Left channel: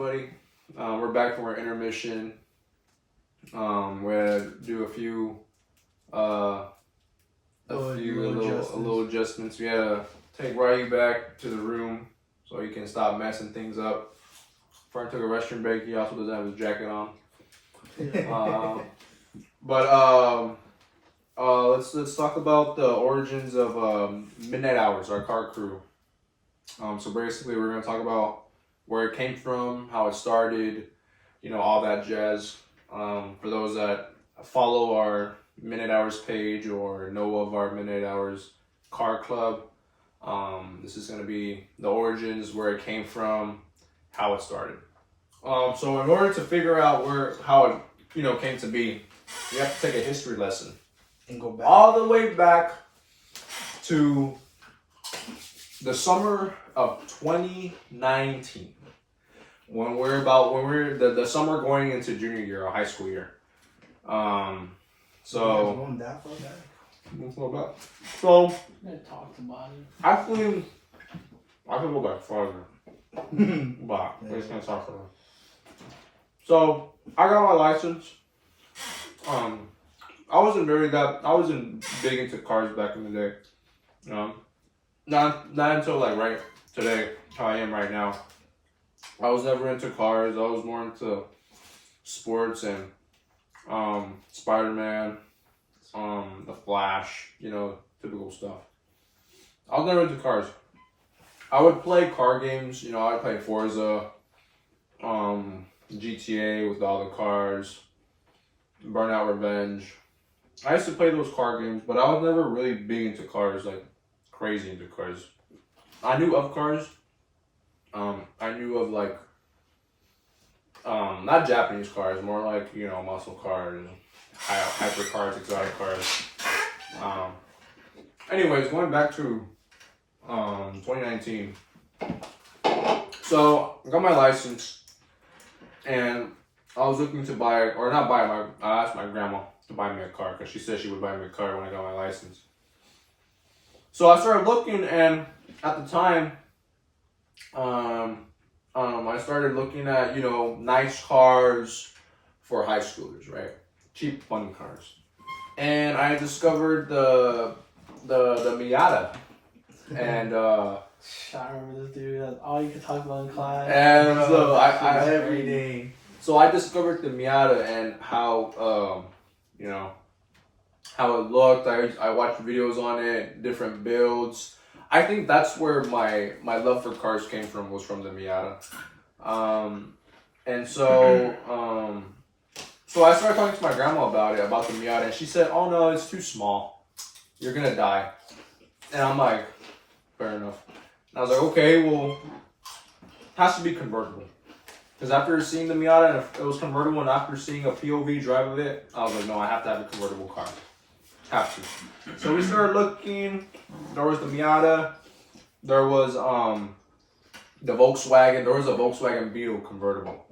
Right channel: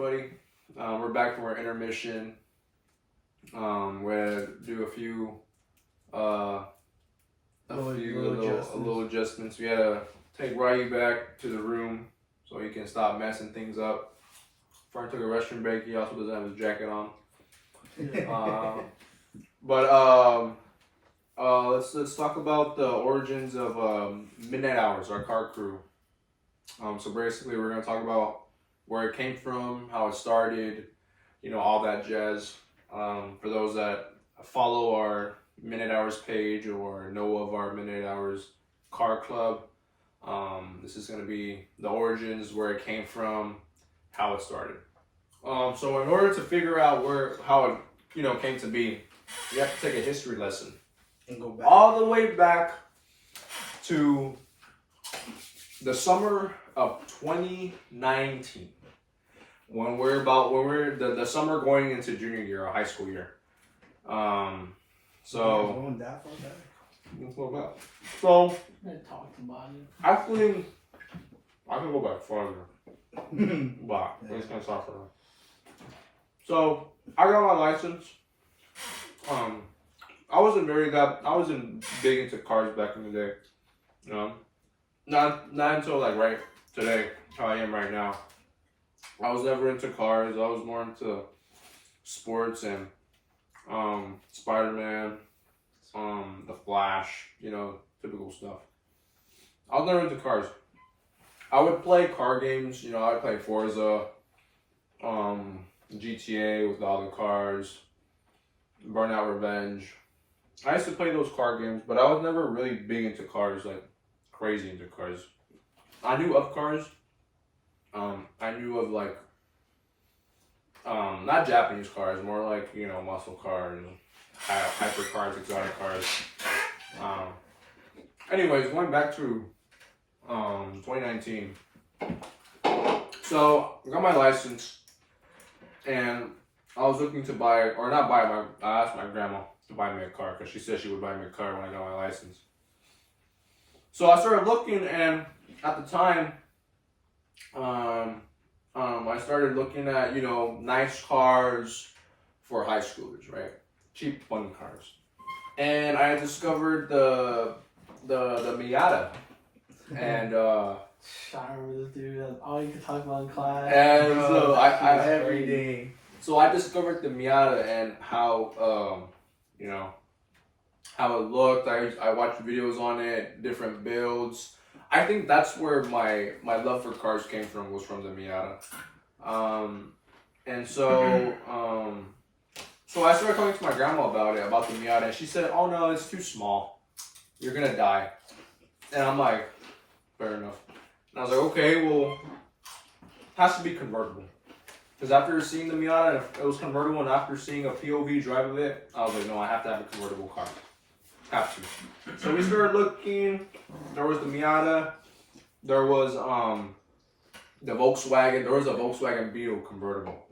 everybody? We're back from our intermission. We're gonna do a few little adjustments. We had to take Ryu back to the room so he can stop messing things up. Frank took a restroom break. He also doesn't have his jacket on. Let's talk about the origins of Midnight Hours, our car crew. So basically, we're gonna talk about where it came from, how it started, all that jazz. For those that follow our Midnight Hours page or know of our Midnight Hours car club, this is gonna be the origins, where it came from, how it started. So in order to figure out how it came to be, you have to take a history lesson and go back all the way back to the summer of 2019, when we're the summer going into junior year or high school year. Going that far back. So talk about it. actually, I can go back farther. But we're just gonna talk about it. So I got my license. I wasn't big into cars back in the day. Not until like right today, how I am right now. I was never into cars. I was more into sports and Spider-Man, The Flash, typical stuff. I was never into cars. I would play car games. I would play Forza, GTA with all the cars, Burnout Revenge. I used to play those car games, but I was never really big into cars, like crazy into cars. I knew of cars. I knew of like, not Japanese cars, more like, muscle cars, hyper cars, exotic cars. Anyways, going back to 2019. So I got my license, and I was looking to buy, or not buy, I asked my grandma to buy me a car, because she said she would buy me a car when I got my license. So I started looking, and at the time, I started looking at, nice cars for high schoolers, right? Cheap, fun cars. And I discovered the Miata. And I remember this dude. That's all you could talk about in class. And so every day. So I discovered the Miata and how how it looked. I watched videos on it, different builds. I think that's where my love for cars came from, was from the Miata. So I started talking to my grandma about the Miata, and she said, "Oh no, it's too small. You're gonna die." And I'm like, fair enough. And I was like, okay, well, it has to be convertible. Because after seeing the Miata, and it was convertible, and after seeing a POV drive of it, I was like, no, I have to have a convertible car. Have to. So we started looking. There was the Miata. There was the Volkswagen. There was a Volkswagen Beetle convertible.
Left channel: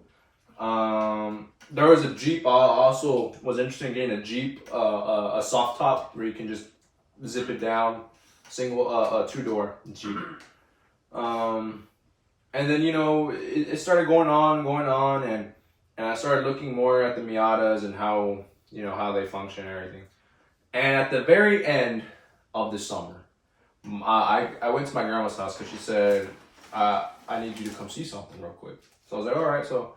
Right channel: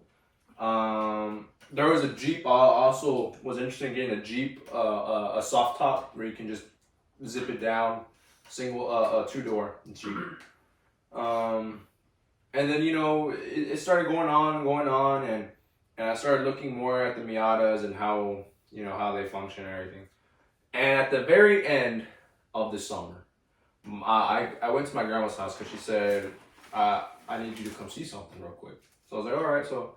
There was a Jeep. Also was interested in getting a Jeep, a soft top where you can just zip it down, single, two-door Jeep. And then it started going on, and I started looking more at the Miatas and how they function and everything. And at the very end of the summer, I went to my grandma's house because she said, I need you to come see something real quick. So I was like, all right. So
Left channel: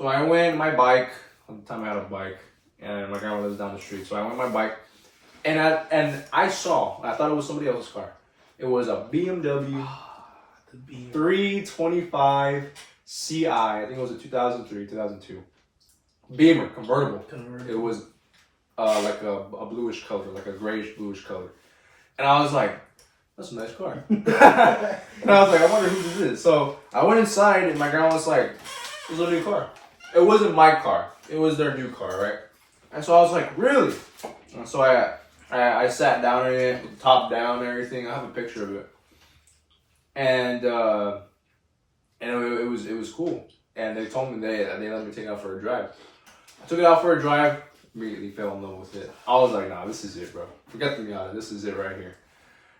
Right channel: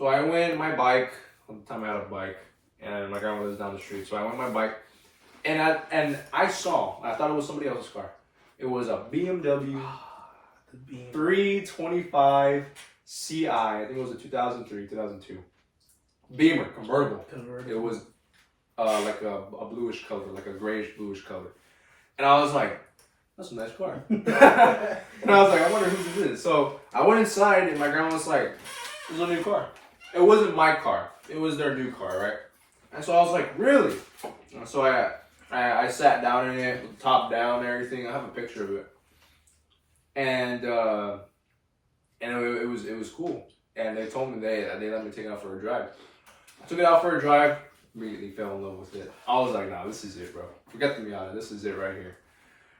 I went my bike. At the time I had a bike, and my grandma lives down the street. So I went my bike, and I thought it was somebody else's car. It was a BMW 325 Ci. I think it was a 2003, 2002. Beamer, convertible. It was like a bluish color, like a grayish bluish color. And I was like, that's a nice car. And I was like, I wonder who this is. So I went inside, and my grandma was like, this is a new car. It wasn't my car. It was their new car, right? And so I was like, really? And so I sat down in it, with the top down and everything. I have a picture of it. And it was cool. And they told me they let me take it out for a drive. I took it out for a drive. Immediately fell in love with it. I was like, nah, this is it, bro. Forget the Miata. This is it right here.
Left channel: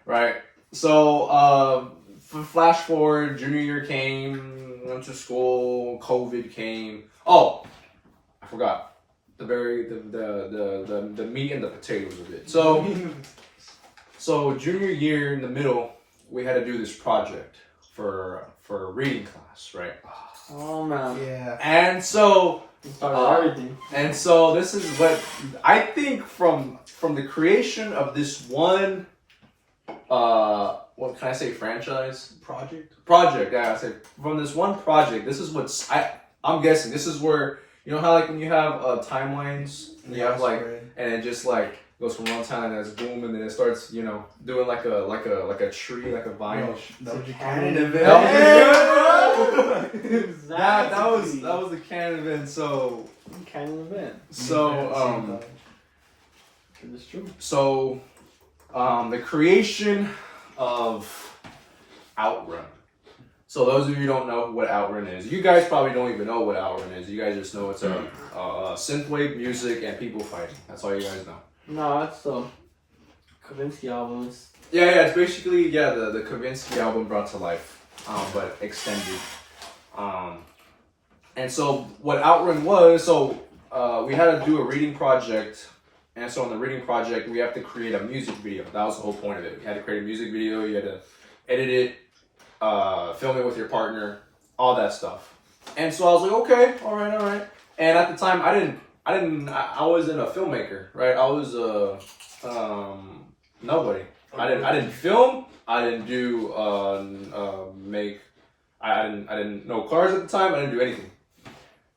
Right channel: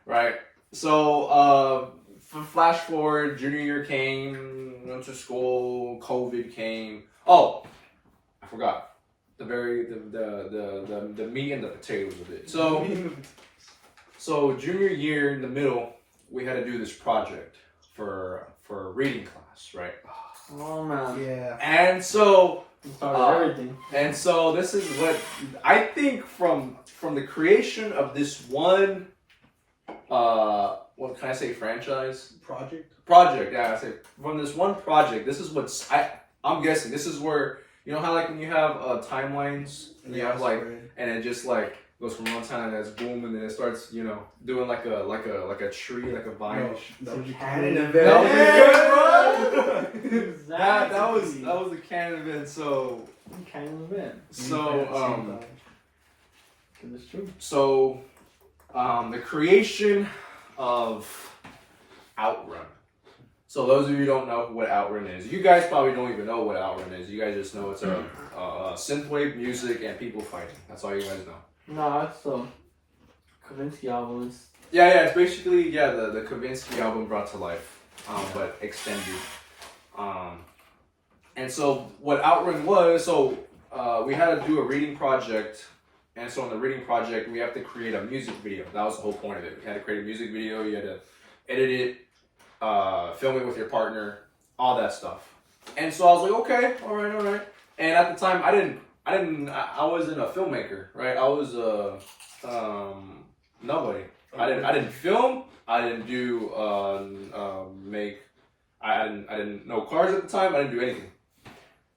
Right? So flash forward, junior year came, went to school, COVID came. Oh, I forgot. The meat and the potatoes of it. So junior year in the middle, we had to do this project for a reading class, right? Oh man. Yeah. And so Everything. and so this is what I think from the creation of this one what can I say, franchise? Project, yeah, I say from this one project, this is what's I'm guessing this is where, you know how like when you have timelines and you have like, and it just like goes from one time and that's boom, and then it starts, you know, doing like a tree, like a vine. That was your canon canon event. event. That was the canon event. So Canon event. so It is true. so the creation of Outrun. So those of you who don't know what Outrun is, you guys probably don't even know what Outrun is. You guys just know it's a synthwave music and people fighting. That's all you guys know. No, that's the Kavinsky albums. Yeah, it's basically the Kavinsky album brought to life, but extended. And so what Outrun was, we had to do a reading project, and so in the reading project we have to create a music video. That was the whole point of it. We had to create a music video. You had to edit it, film it with your partner, all that stuff. And so I was like, okay, all right. And at the time, I wasn't a filmmaker, right? I was nobody. I didn't film. I didn't do I didn't know cars at the time. I didn't do anything.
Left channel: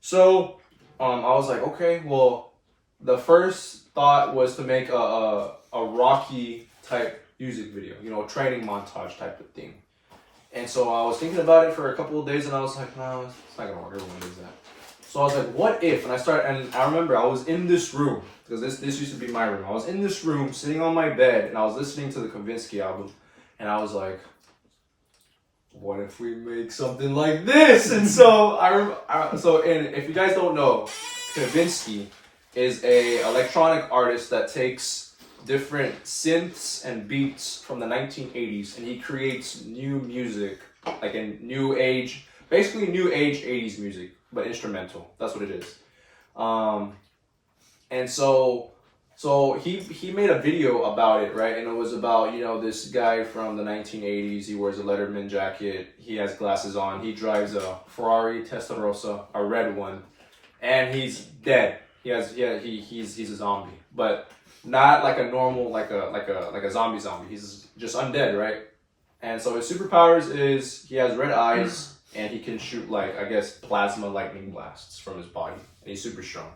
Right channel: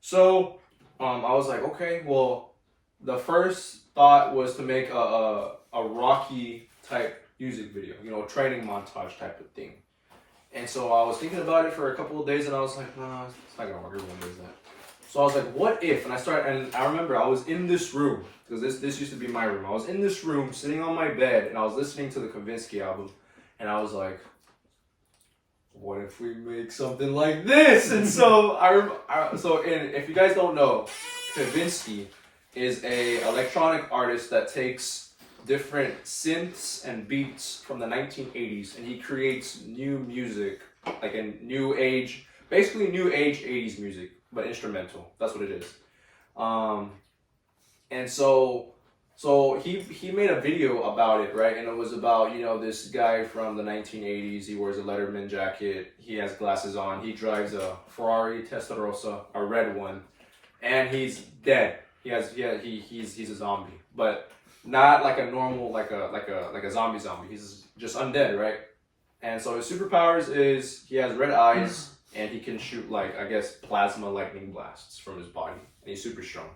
So I was like, okay, well, the first thought was to make a Rocky type music video, you know, training montage type of thing. And so I was thinking about it for a couple of days, and I was like, no, it's not gonna work. Everyone does that. So I was like, what if? And I remember I was in this room, because this used to be my room. I was in this room, sitting on my bed, and I was listening to the Kavinsky album, and I was like, what if we make something like this? And so and if you guys don't know, Kavinsky is a electronic artist that takes different synths and beats from the 1980s, and he creates new music, like a new age, basically new age 80s music, but instrumental. That's what it is. And so he made a video about it, right? And it was about, you know, this guy from the 1980s. He wears a Letterman jacket. He has glasses on. He drives a Ferrari Testarossa, a red one, and he's dead. He's a zombie, but not like a normal, like a zombie. He's just undead, right? And so his superpowers is he has red eyes and he can shoot, like, I guess, plasma lightning blasts from his body, and he's super strong.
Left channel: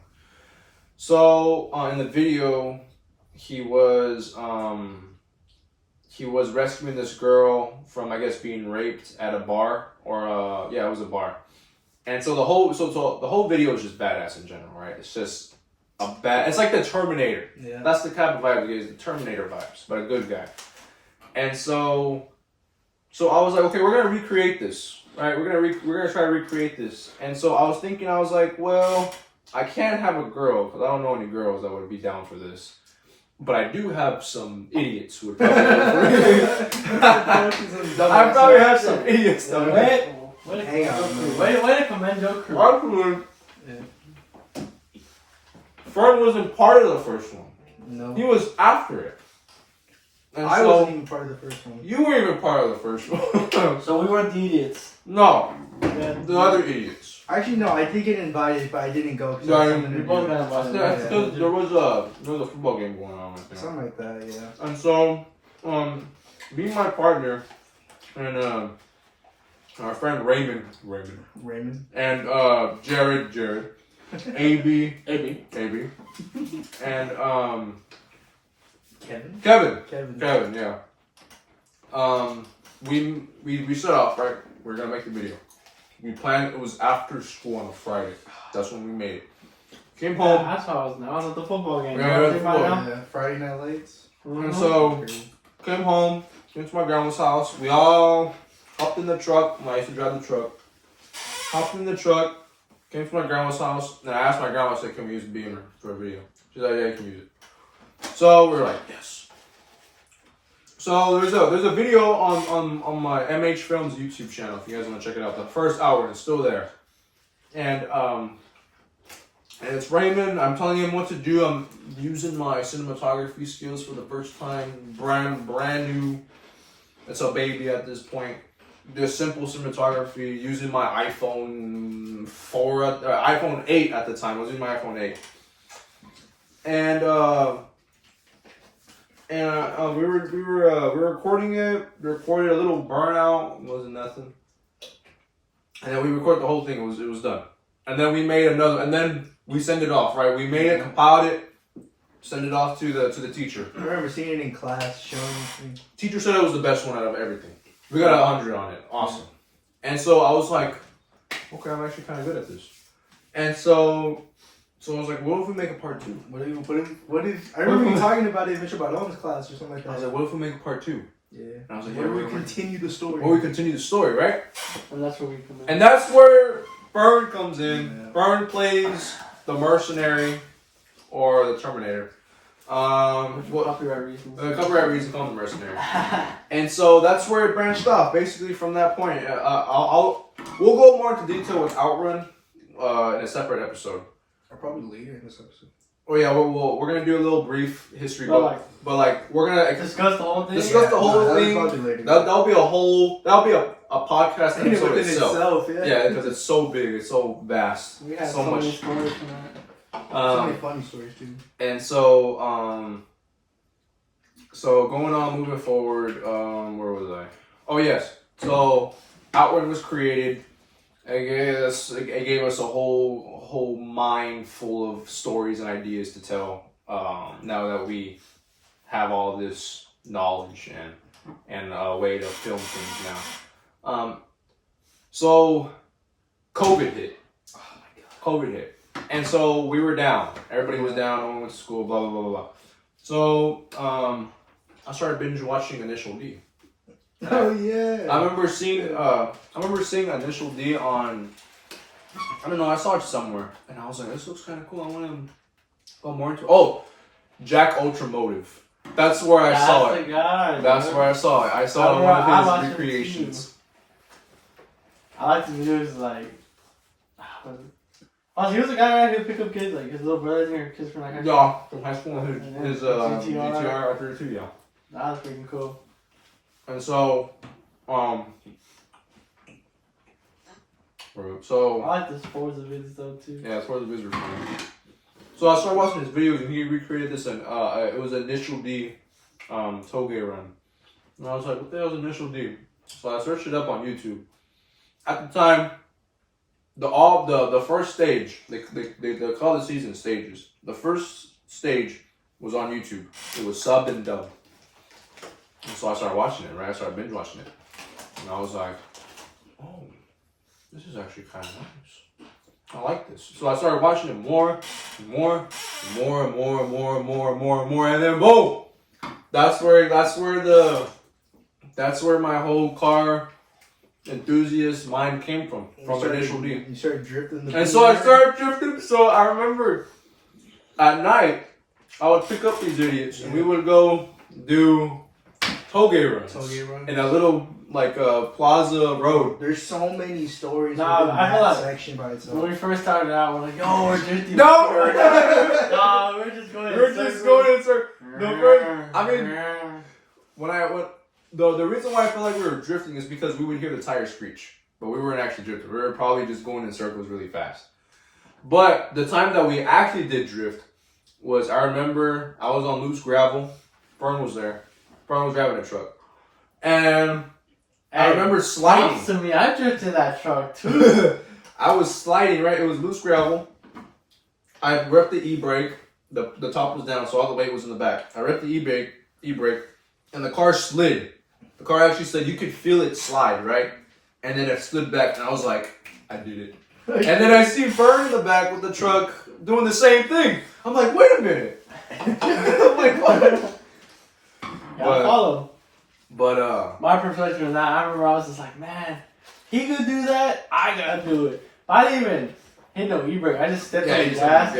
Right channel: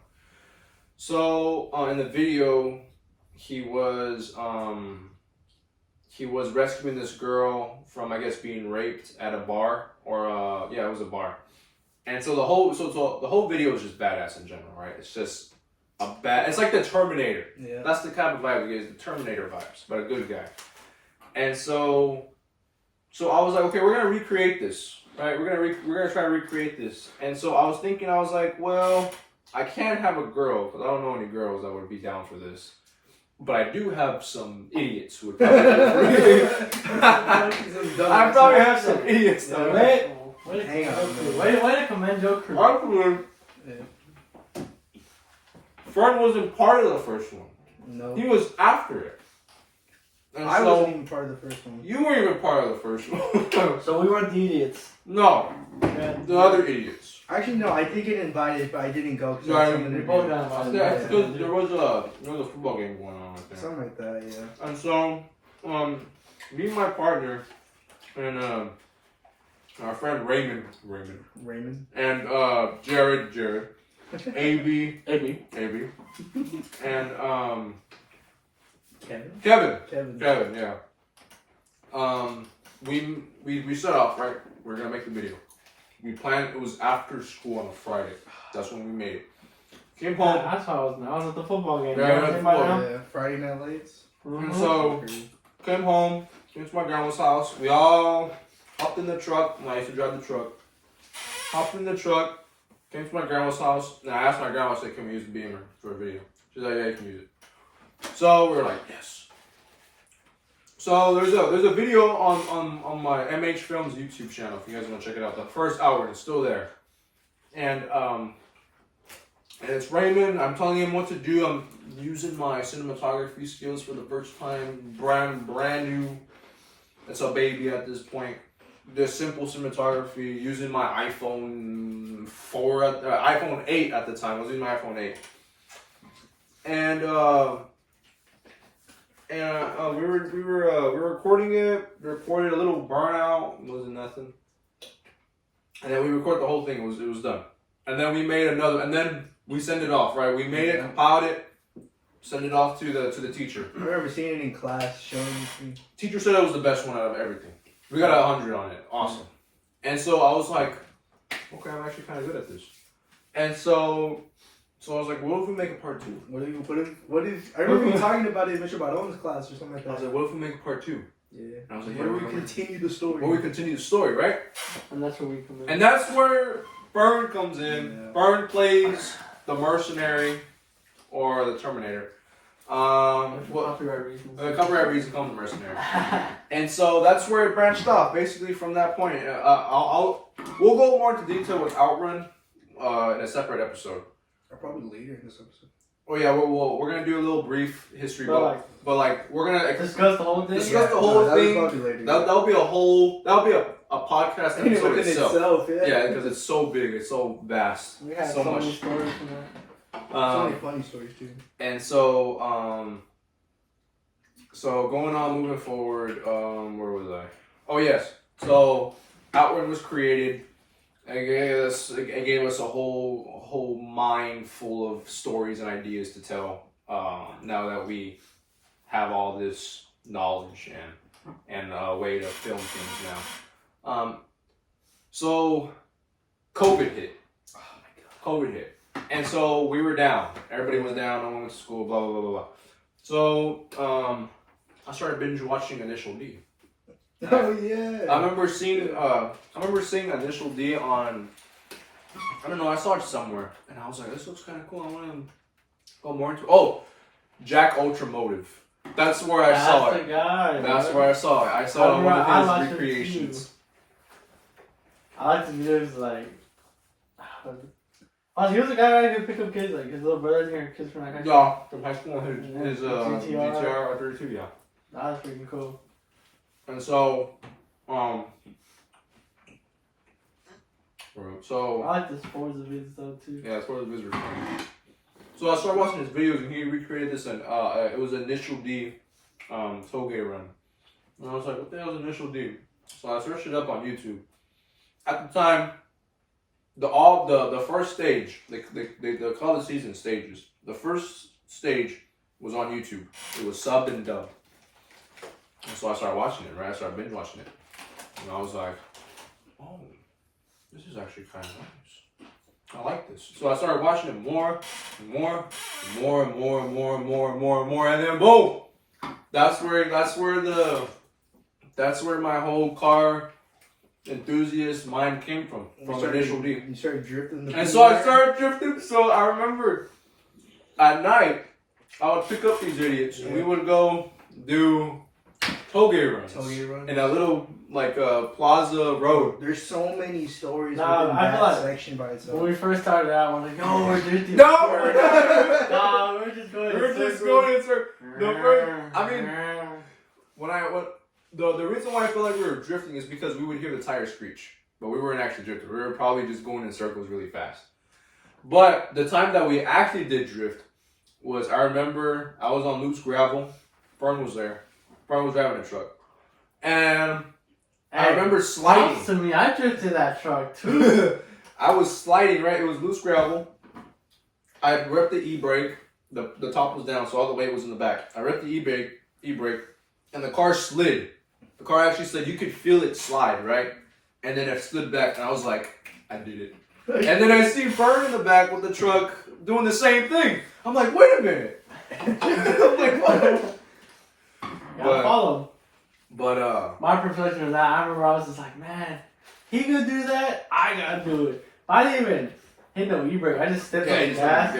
So in the video, he was rescuing this girl from, I guess, being raped at a bar, or it was a bar. And so the whole video is just badass in general, right? It's just it's like the Terminator. Yeah. That's the type of vibe it is, the Terminator vibes, but a good guy. And so I was like, okay, we're gonna recreate this, right? We're gonna try to recreate this. And so I was thinking, I was like, well, I can't have a girl because I don't know any girls that would be down for this. But I do have some idiots who would probably go for it. I probably have some idiots though. Way to commend your crew. Fred wasn't part of the first one. No. He was after it. And I wasn't even part of the first one. You weren't even part of the first one. So we weren't the idiots. No. The other idiots. Actually, no, I did get invited, but I didn't go. We both got invited. That's because there was a football game going on, I think. Something like that, yeah. And so, me and my partner, and our friend Raymond, and Jared, AB, and Kevin, yeah. We set off, right? We're gonna make the video. We planned, it was after school on a Friday. That's when we made it. Came home. Yeah, that's how I was at the football game. Yeah, Friday night lights. And so, came home, came to my grandma's house. We all hopped in the truck. I used to drive the truck. Hopped in the truck, came to my grandma's house, and I asked my grandma, I said, can we use the beamer for a video? She's like, yeah, you can use it. So we were like, yes. So there's a video on my MH Films YouTube channel if you guys want to check it out. The first hour it's still there, and it's Raymond. I'm telling him what to do. I'm using my cinematography skills for the first time. Brand new. It's a baby at this point. Just simple cinematography using my iPhone 8 at the time. I was using my iPhone 8, and we were recording it. We recorded a little burnout. It wasn't nothing. And then we recorded the whole thing. It was done. And then we made another. And then we send it off. Right. We made it, compiled it, send it off to the teacher. I remember seeing it in class, showing it to me. Teacher said it was the best one out of everything. We got 100 on it. Awesome. And so I was like, okay, I'm actually kind of good at this. And so I was like, what if we make a part 2? What if? I remember you talking about it in Mr. Baron's class or something like that. I was like, what if we make a part 2? Yeah. And I was like, what if we continue the story? Well, we continue the story, right? And that's where we come in. And that's where Byrne comes in. Yeah. Byrne plays the mercenary or the Terminator. Copyright reasons. Copyright reasons call the mercenary. And so that's where it branched off. Basically, from that point, we'll go more into detail with Outrun in a separate episode. Or probably later in this episode. Oh yeah, we're gonna do a little brief history, but we're gonna discuss the whole thing. Discuss the whole thing. That'll be a podcast In episode within itself. Yeah, because it's so big, it's so vast, We had so much. many stories from that. So many funny stories too. And so so going on, moving forward, where was I? Oh yes, so Outrun was created. It gave us a whole mind full of stories and ideas to tell. Now that we have all this knowledge and a way to film things now. So COVID hit. Oh my god. COVID hit, and so we were down. Everybody was down. No one went to school. Blah blah blah blah blah. So I started binge watching Initial D. Oh yeah. I remember seeing Initial D on, I don't know, I saw it somewhere and I was like, this looks kinda cool. I wanna go more into Jack Ultramotive. That's where I saw it. That's where I saw it. I saw it in one of his recreations. I like the videos like he was the guy right who picked up kids, like his little brother here, kids from like high school. Yeah, from high school, his GTR up there too, yeah. That was freaking cool. And so, I like the sports vids though too. Yeah, Sports Vids were fun. So I started watching his videos and he recreated this and it was Initial D Toge run. And I was like, what the hell is Initial D? So I searched it up on YouTube. At the time, the first stage, they call the season stages. The first stage was on YouTube. It was subbed and dubbed. And so I started watching it, right? I started binge watching it. And I was like, oh, this is actually kind of nice. I like this. So I started watching it more and more and more and more and more and more and more and more. And then boom! That's where my whole car enthusiast mind came from Initial D. You started drifting. And so I started drifting. So I remember at night, I would pick up these idiots and we would go do Toge runs in a little plaza road. There's so many stories Nah, within I feel that like section by itself. when we first started out, we're like, yo, we're drifting. No! Nah, we're just going in circles. The reason why I feel like we were drifting is because we would hear the tires screech, but we weren't actually drifting. We were probably just going in circles really fast. But the time that we actually did drift was, I remember I was on loose gravel. Fern was there. Fern was driving a truck. And I remember sliding. To me, I drifted that truck too. I was sliding, right? It was loose gravel. I repped the e-brake. The top was down, so all the weight was in the back. I repped the e-brake, and the car slid. The car actually slid. You could feel it slide, right? And then it slid back, and I was like, I did it. And then I see Fern in the back with the truck doing the same thing. I'm like, wait a minute. I'm like, what? Gotta follow. But my perception of that, I remember I was just like, man, he could do that, I gotta do it. I didn't even hit no e-brake. I just stepped on the gas,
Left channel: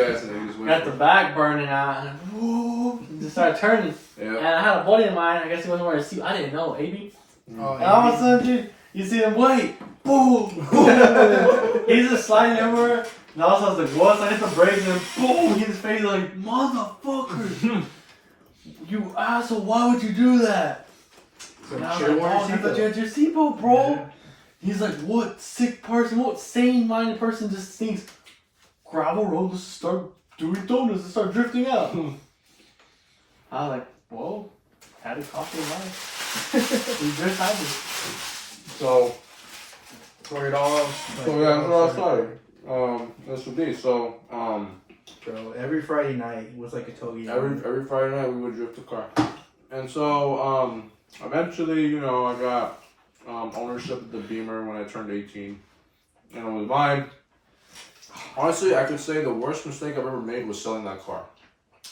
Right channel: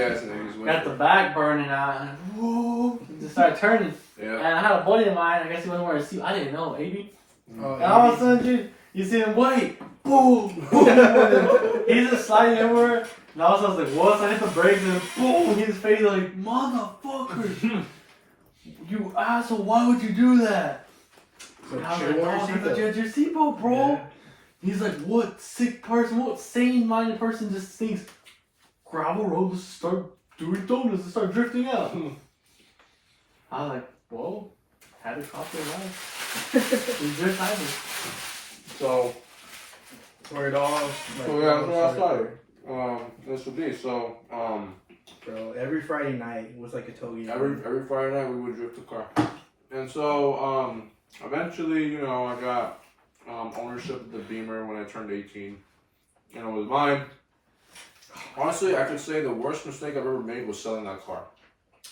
got the back burning out, and woo, just started turning. Yeah. And I had a buddy of mine, I guess he wasn't wearing a seat. I didn't know, AB. Oh, And all of a sudden, dude, you see him, wait, boom, boom. He's just sliding everywhere. And all of a sudden, I was like, what? So I hit the brakes and boom, his face like, motherfucker. You asshole, why would you do that? So And I was should've like, worn your oh, I thought you seatbelt. had your seatbelt, bro. Yeah. He's like, what sick person, what sane-minded person just thinks gravel road, let's start doing donuts and start drifting out. I was like, whoa, had a coffee of life. We drift happened. So, For it all. so yeah, that's what I started. This would be so. So every Friday night was like a togi. Every Friday night we would drift the car, and so eventually, you know, I got ownership of the Beamer when I turned 18, and it was mine. Honestly, I could say the worst mistake I've ever made was selling that car.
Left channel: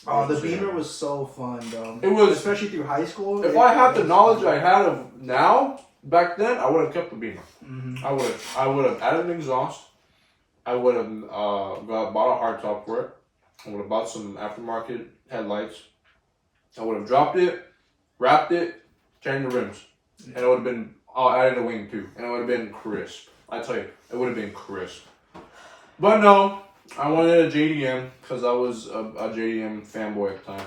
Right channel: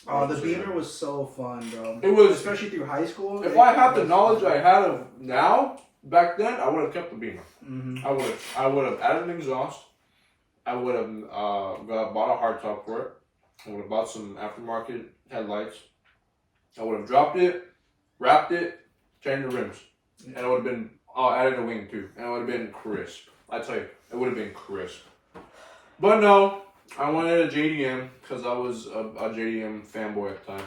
Oh, the Beamer was so fun, though. It was, especially through high school. if I had the knowledge I had of now, back then, I would have kept the Beamer. Mm-hmm. I would have added an exhaust. I would have bought a hardtop for it. I would have bought some aftermarket headlights. I would have dropped it, wrapped it, changed the rims, and it would have been added a wing too, and it would have been crisp. I tell you, it would have been crisp. But no, I wanted a JDM because I was a JDM fanboy at the time.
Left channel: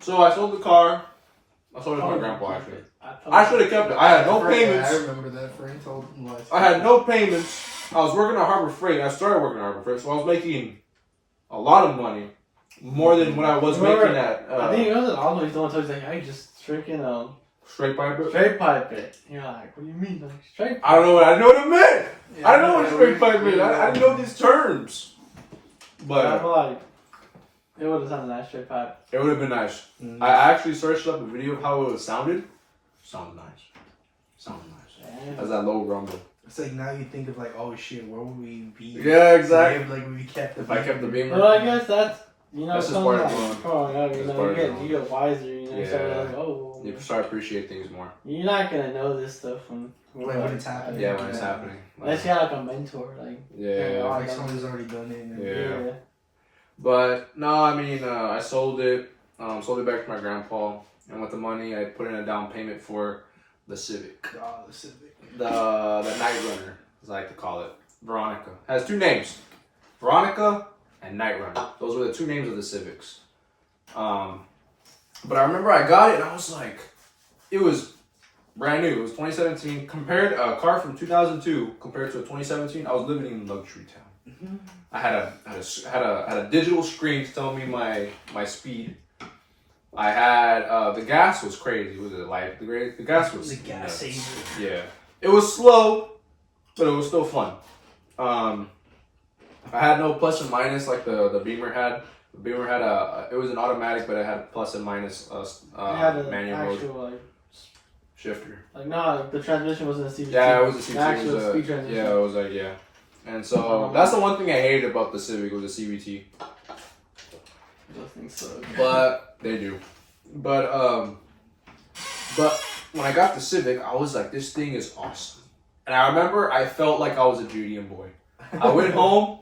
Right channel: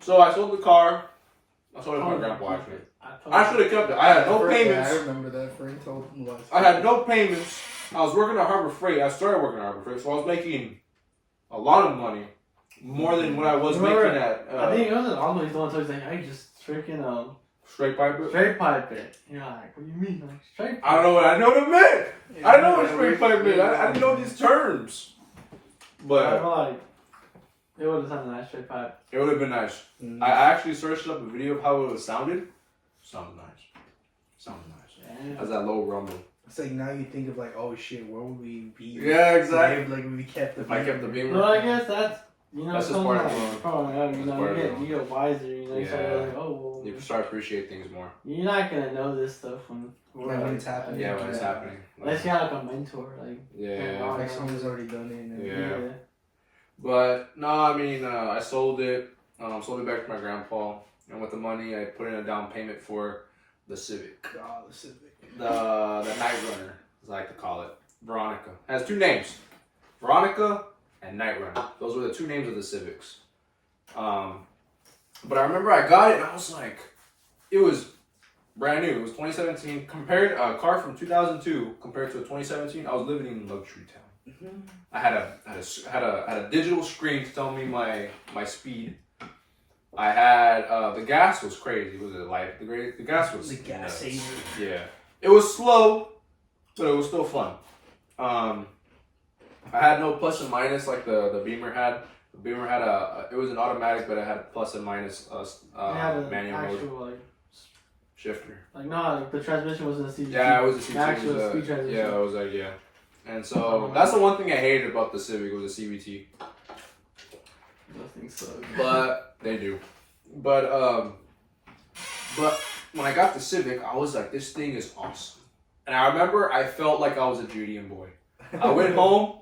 So I sold the car. I sold it to my grandpa actually. I should have kept it. I had no payments. I remember that. Frank told me what. I had no payments. I was working at Harbor Freight. I started working at Harbor Freight, so I was making a lot of money, more than what I was making at. I think it was an odd he's the one who told me, like, hey, just freaking straight pipe. straight pipe it. You're like, what do you mean, like straight pipe? I don't know. I know what it meant. Yeah, I know what straight pipe meant. I didn't know these terms. I But feel like it would have sounded nice straight pipe. it would have been nice. Mm. I actually searched up a video of how it sounded. Sounded nice. Sounded nice. Damn. Has that low rumble. It's like now you think of like, oh shit, where would we be? Yeah, exactly. Like we kept the. If I kept the Beamer. Well, I guess that's, you know, That's just something part of like growing up, you That's know, part you of get wiser, you know, so Yeah. you're like, oh, You start to appreciate things more. you're not gonna know this stuff when it's happening. Yeah, when it's happening. Unless you have like a mentor, like, Yeah. Like someone who's already done it. And Yeah. But no, I mean, I sold it back to my grandpa, and with the money, I put in a down payment for the Civic, Oh, the Civic. the Night Runner, as I like to call it. Veronica has two names, Veronica and Night Runner. Those were the two names of the Civics. But I remember I got it, and I was like, it was brand new. It was 2017. Compared a car from 2002 compared to a 2017, I was living in luxury town. Mm-hmm. I had a digital screen to tell me my speed. I had the gas was crazy. Was it like the gas was The gas nuts. saver. Yeah, it was slow, but it was still fun. I had no plus and minus like the Beamer had. The Beamer had it was an automatic, but it had plus and minus you had an manual mode actual, like, shifter. like, no, the transmission wasn't a CVT. Yeah, it was a CVT. The actual It was speed transmission. Yeah, it was like yeah. And so that's the one thing I hated about the Civic was the CVT. Those things suck. But they do. But when I got the Civic, I was like, this thing is awesome. And I remember I felt like I was a JDM boy. I went home.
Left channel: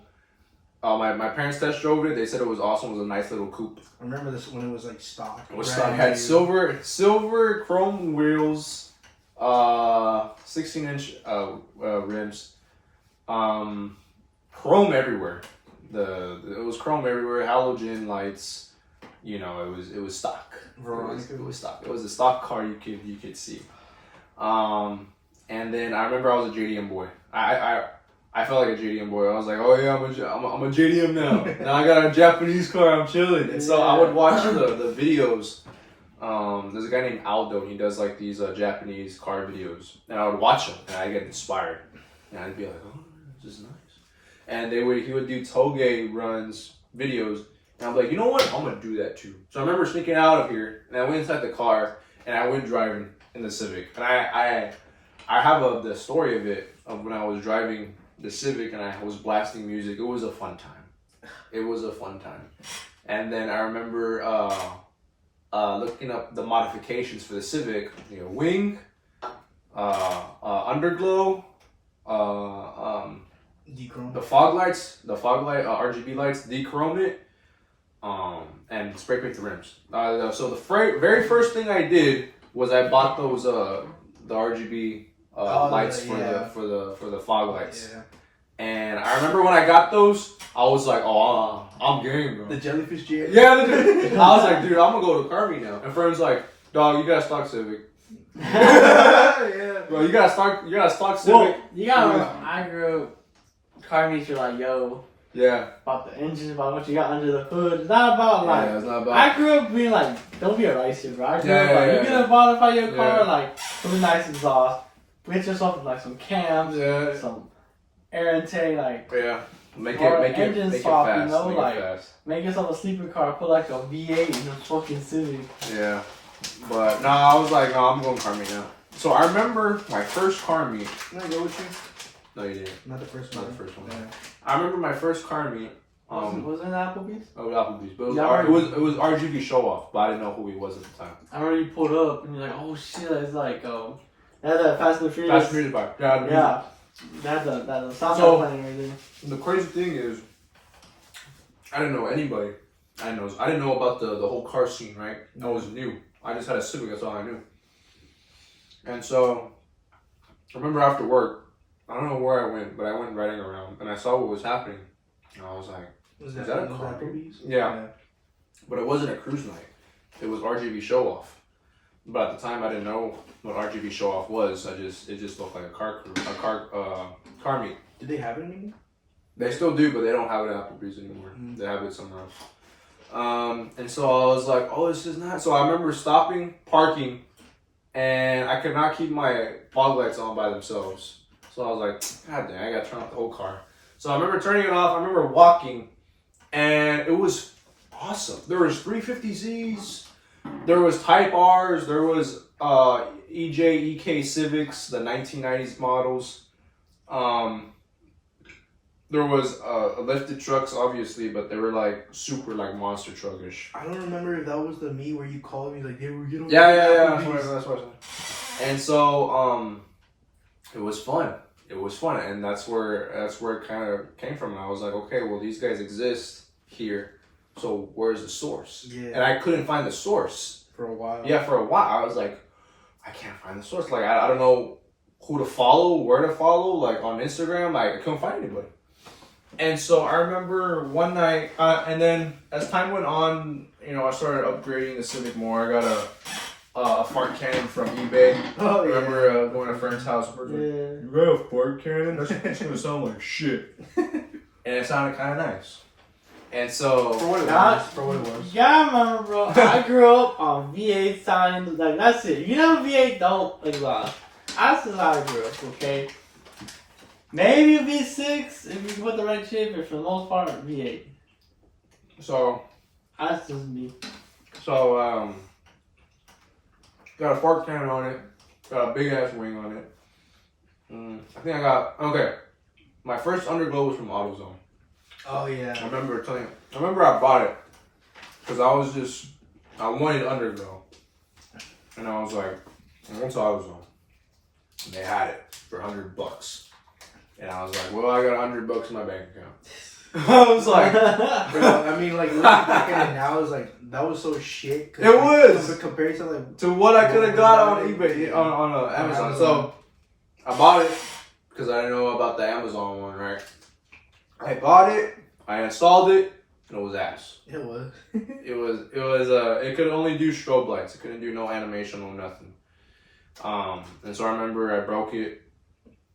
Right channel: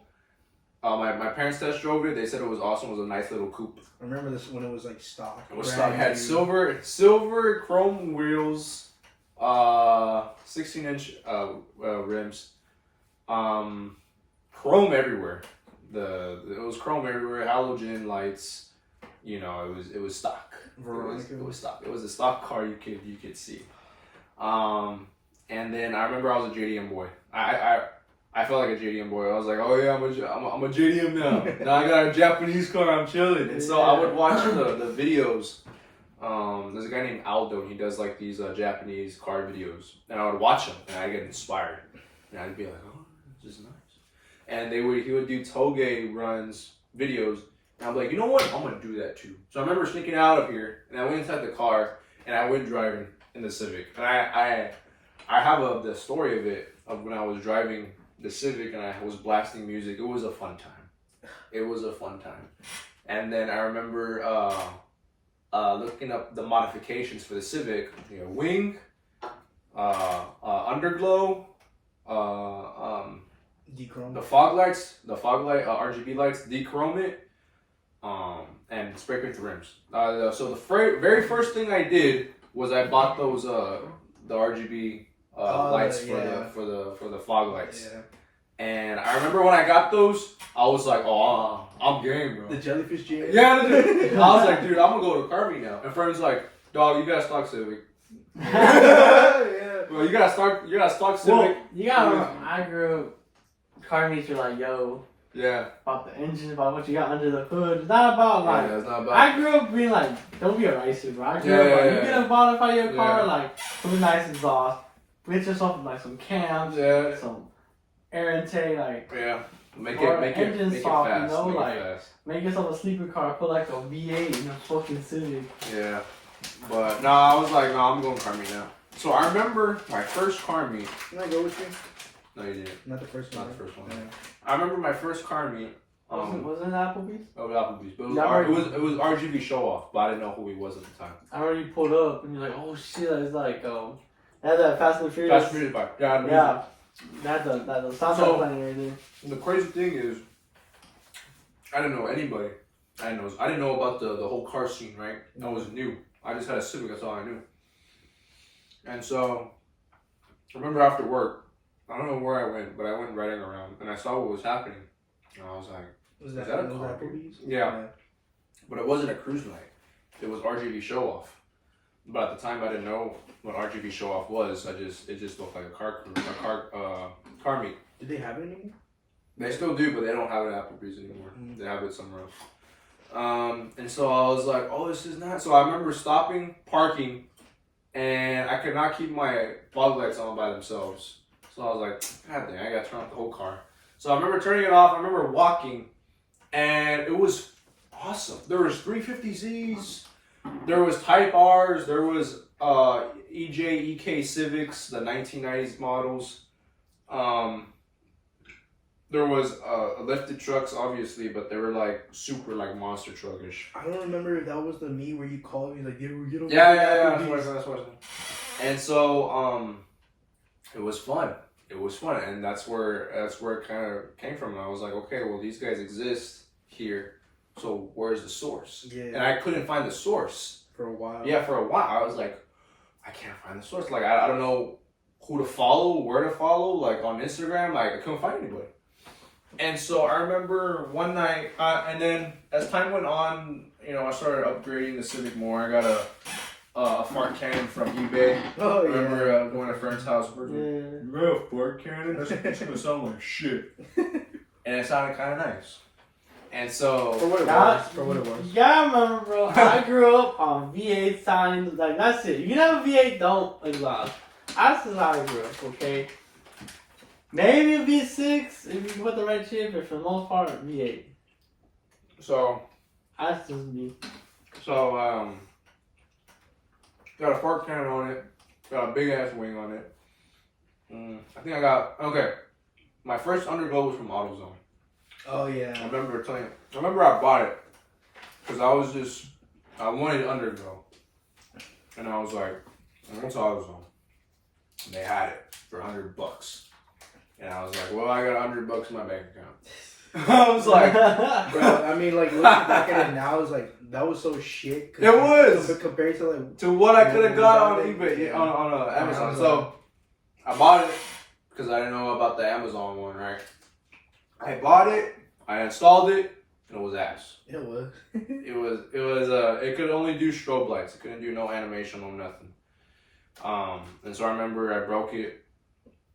My parents test drove it. They said it was awesome. It was a nice little coupe. I remember this when it was like stock. It was stock. Had silver chrome wheels, 16-inch rims, chrome everywhere. It was chrome everywhere. Halogen lights. You know, it was stock. Veronica. It was stock. It was a stock car you could see. And then I remember I was a JDM boy. I felt like a JDM boy. I was like, oh yeah, I'm a JDM now. Now I got a Japanese car. I'm chilling. And so I would watch the videos. There's a guy named Aldo. And he does like these Japanese car videos, and I would watch them, and I get inspired. And I'd be like, oh, this is nice. And he would do toge runs videos. And I'm like, you know what? I'm gonna do that too. So I remember sneaking out of here, and I went inside the car, and I went driving in the Civic. And I have the story of it of when I was driving the Civic and I was blasting music. It was a fun time. It was a fun time. And then I remember looking up the modifications for the Civic. You know, wing, underglow, Dechrome. the fog light RGB lights, dechrome it. and spray paint the rims. So the very first thing I did was I bought those the RGB lights for the fog lights. Yeah. And I remember when I got those, I was like, "Oh, I'm game, bro." The jellyfish jam. Yeah, dude. I was like, "Dude, I'm gonna go to car meet now." And friends like, "Dog, you gotta stock Civic." Yeah. Bro, you gotta stock Civic. Well, you gotta. I grew up. Car meets are like, yo, Yeah. about the engine, about what you got under the hood. It's not about like. Yeah, it's not bad. I grew up being like, don't be a racer, bro. I grew up like, you get a modify your car, like, something nice exhaust, get yourself like some cams, some air intake, like. Yeah. Make or it engine soft, fast. you know, make like it fast. make yourself a sleeper car, put like a V8 in a fucking Civic. Yeah. But no, I was like, no, I'm going car meet now. So I remember my first car meet. Can I go with you? No, you didn't. Not the first one. Not the first one. Yeah. I remember my first car meet. Was it Applebee's? Oh, Applebee's. But Yeah, it was RGB show off, but I didn't know who he was at the time. I already pulled up and you're like, oh shit, it's like they had that Fast and Furious. Fast and Furious bike. Yeah. Yeah. That's the sound So- playing right there. The crazy thing is, I didn't know anybody. I didn't know about the whole car scene, right? I was new. I just had a Civic. That's all I knew. And so, I remember after work, I don't know where I went, but I went riding around and I saw what was happening. And I was like, Was that that a those car? Applebee's? Yeah. But it wasn't a cruise night. It was RGB show off. But at the time, I didn't know what RGB show off was. It just looked like a car meet. Did they have it anymore? They still do, but they don't have it at Applebee's anymore. They have it somewhere else. And so I was like, oh, this is nice. So I remember stopping, parking, and I could not keep my fog lights on by themselves. So I was like, God damn, I gotta turn off the whole car. So I remember turning it off. I remember walking, and it was awesome. There was 350Zs, there was Type Rs, there was EJ, EK Civics, the 1990s models. There was lifted trucks, obviously, but they were like super like monster truckish. I don't remember if that was the me where you called me like, "Hey, we get on." Yeah. Applebee's." That's what I said. And so it was fun. It was fun, and that's where it kind of came from. And I was like, okay, well, these guys exist here, so where's the source? Yeah. And I couldn't find the source. For a while. Yeah, for a while, I was like, I can't find the source. Like, I don't know who to follow, where to follow. Like on Instagram, like I couldn't find anybody. And so I remember one night, and then as time went on, I started upgrading the Civic more. I got a fart cannon from eBay. Oh, I remember going to a friend's house. Yeah. You got a fart cannon? That's gonna sound like shit. And it sounded kind of nice. And so For what it was. Yeah, I remember, bro. I grew up on V8 sounding like that's it. If you have a V8, don't exhaust. That's just how I grew up. Okay. Maybe a V6 if you put the right chip, but for the most part, V8. So That's just me. got a fart cannon on it. Got a big ass wing on it. I think I got my first underglow was from AutoZone. Oh yeah. I remember I bought it because I wanted underglow, and I was like, I went to AutoZone, and they had it for $100, and I was like, well, I got $100 in my bank account. I was like, Bro, I mean, like looking back at it now, is like that was so shit. It was compared to like to what I could have got on eBay on Amazon. So I bought it because I didn't know about the Amazon one, right? I bought it, I installed it, and it was ass. it was. It could only do strobe lights. It couldn't do no animation or nothing. And so I remember I broke it,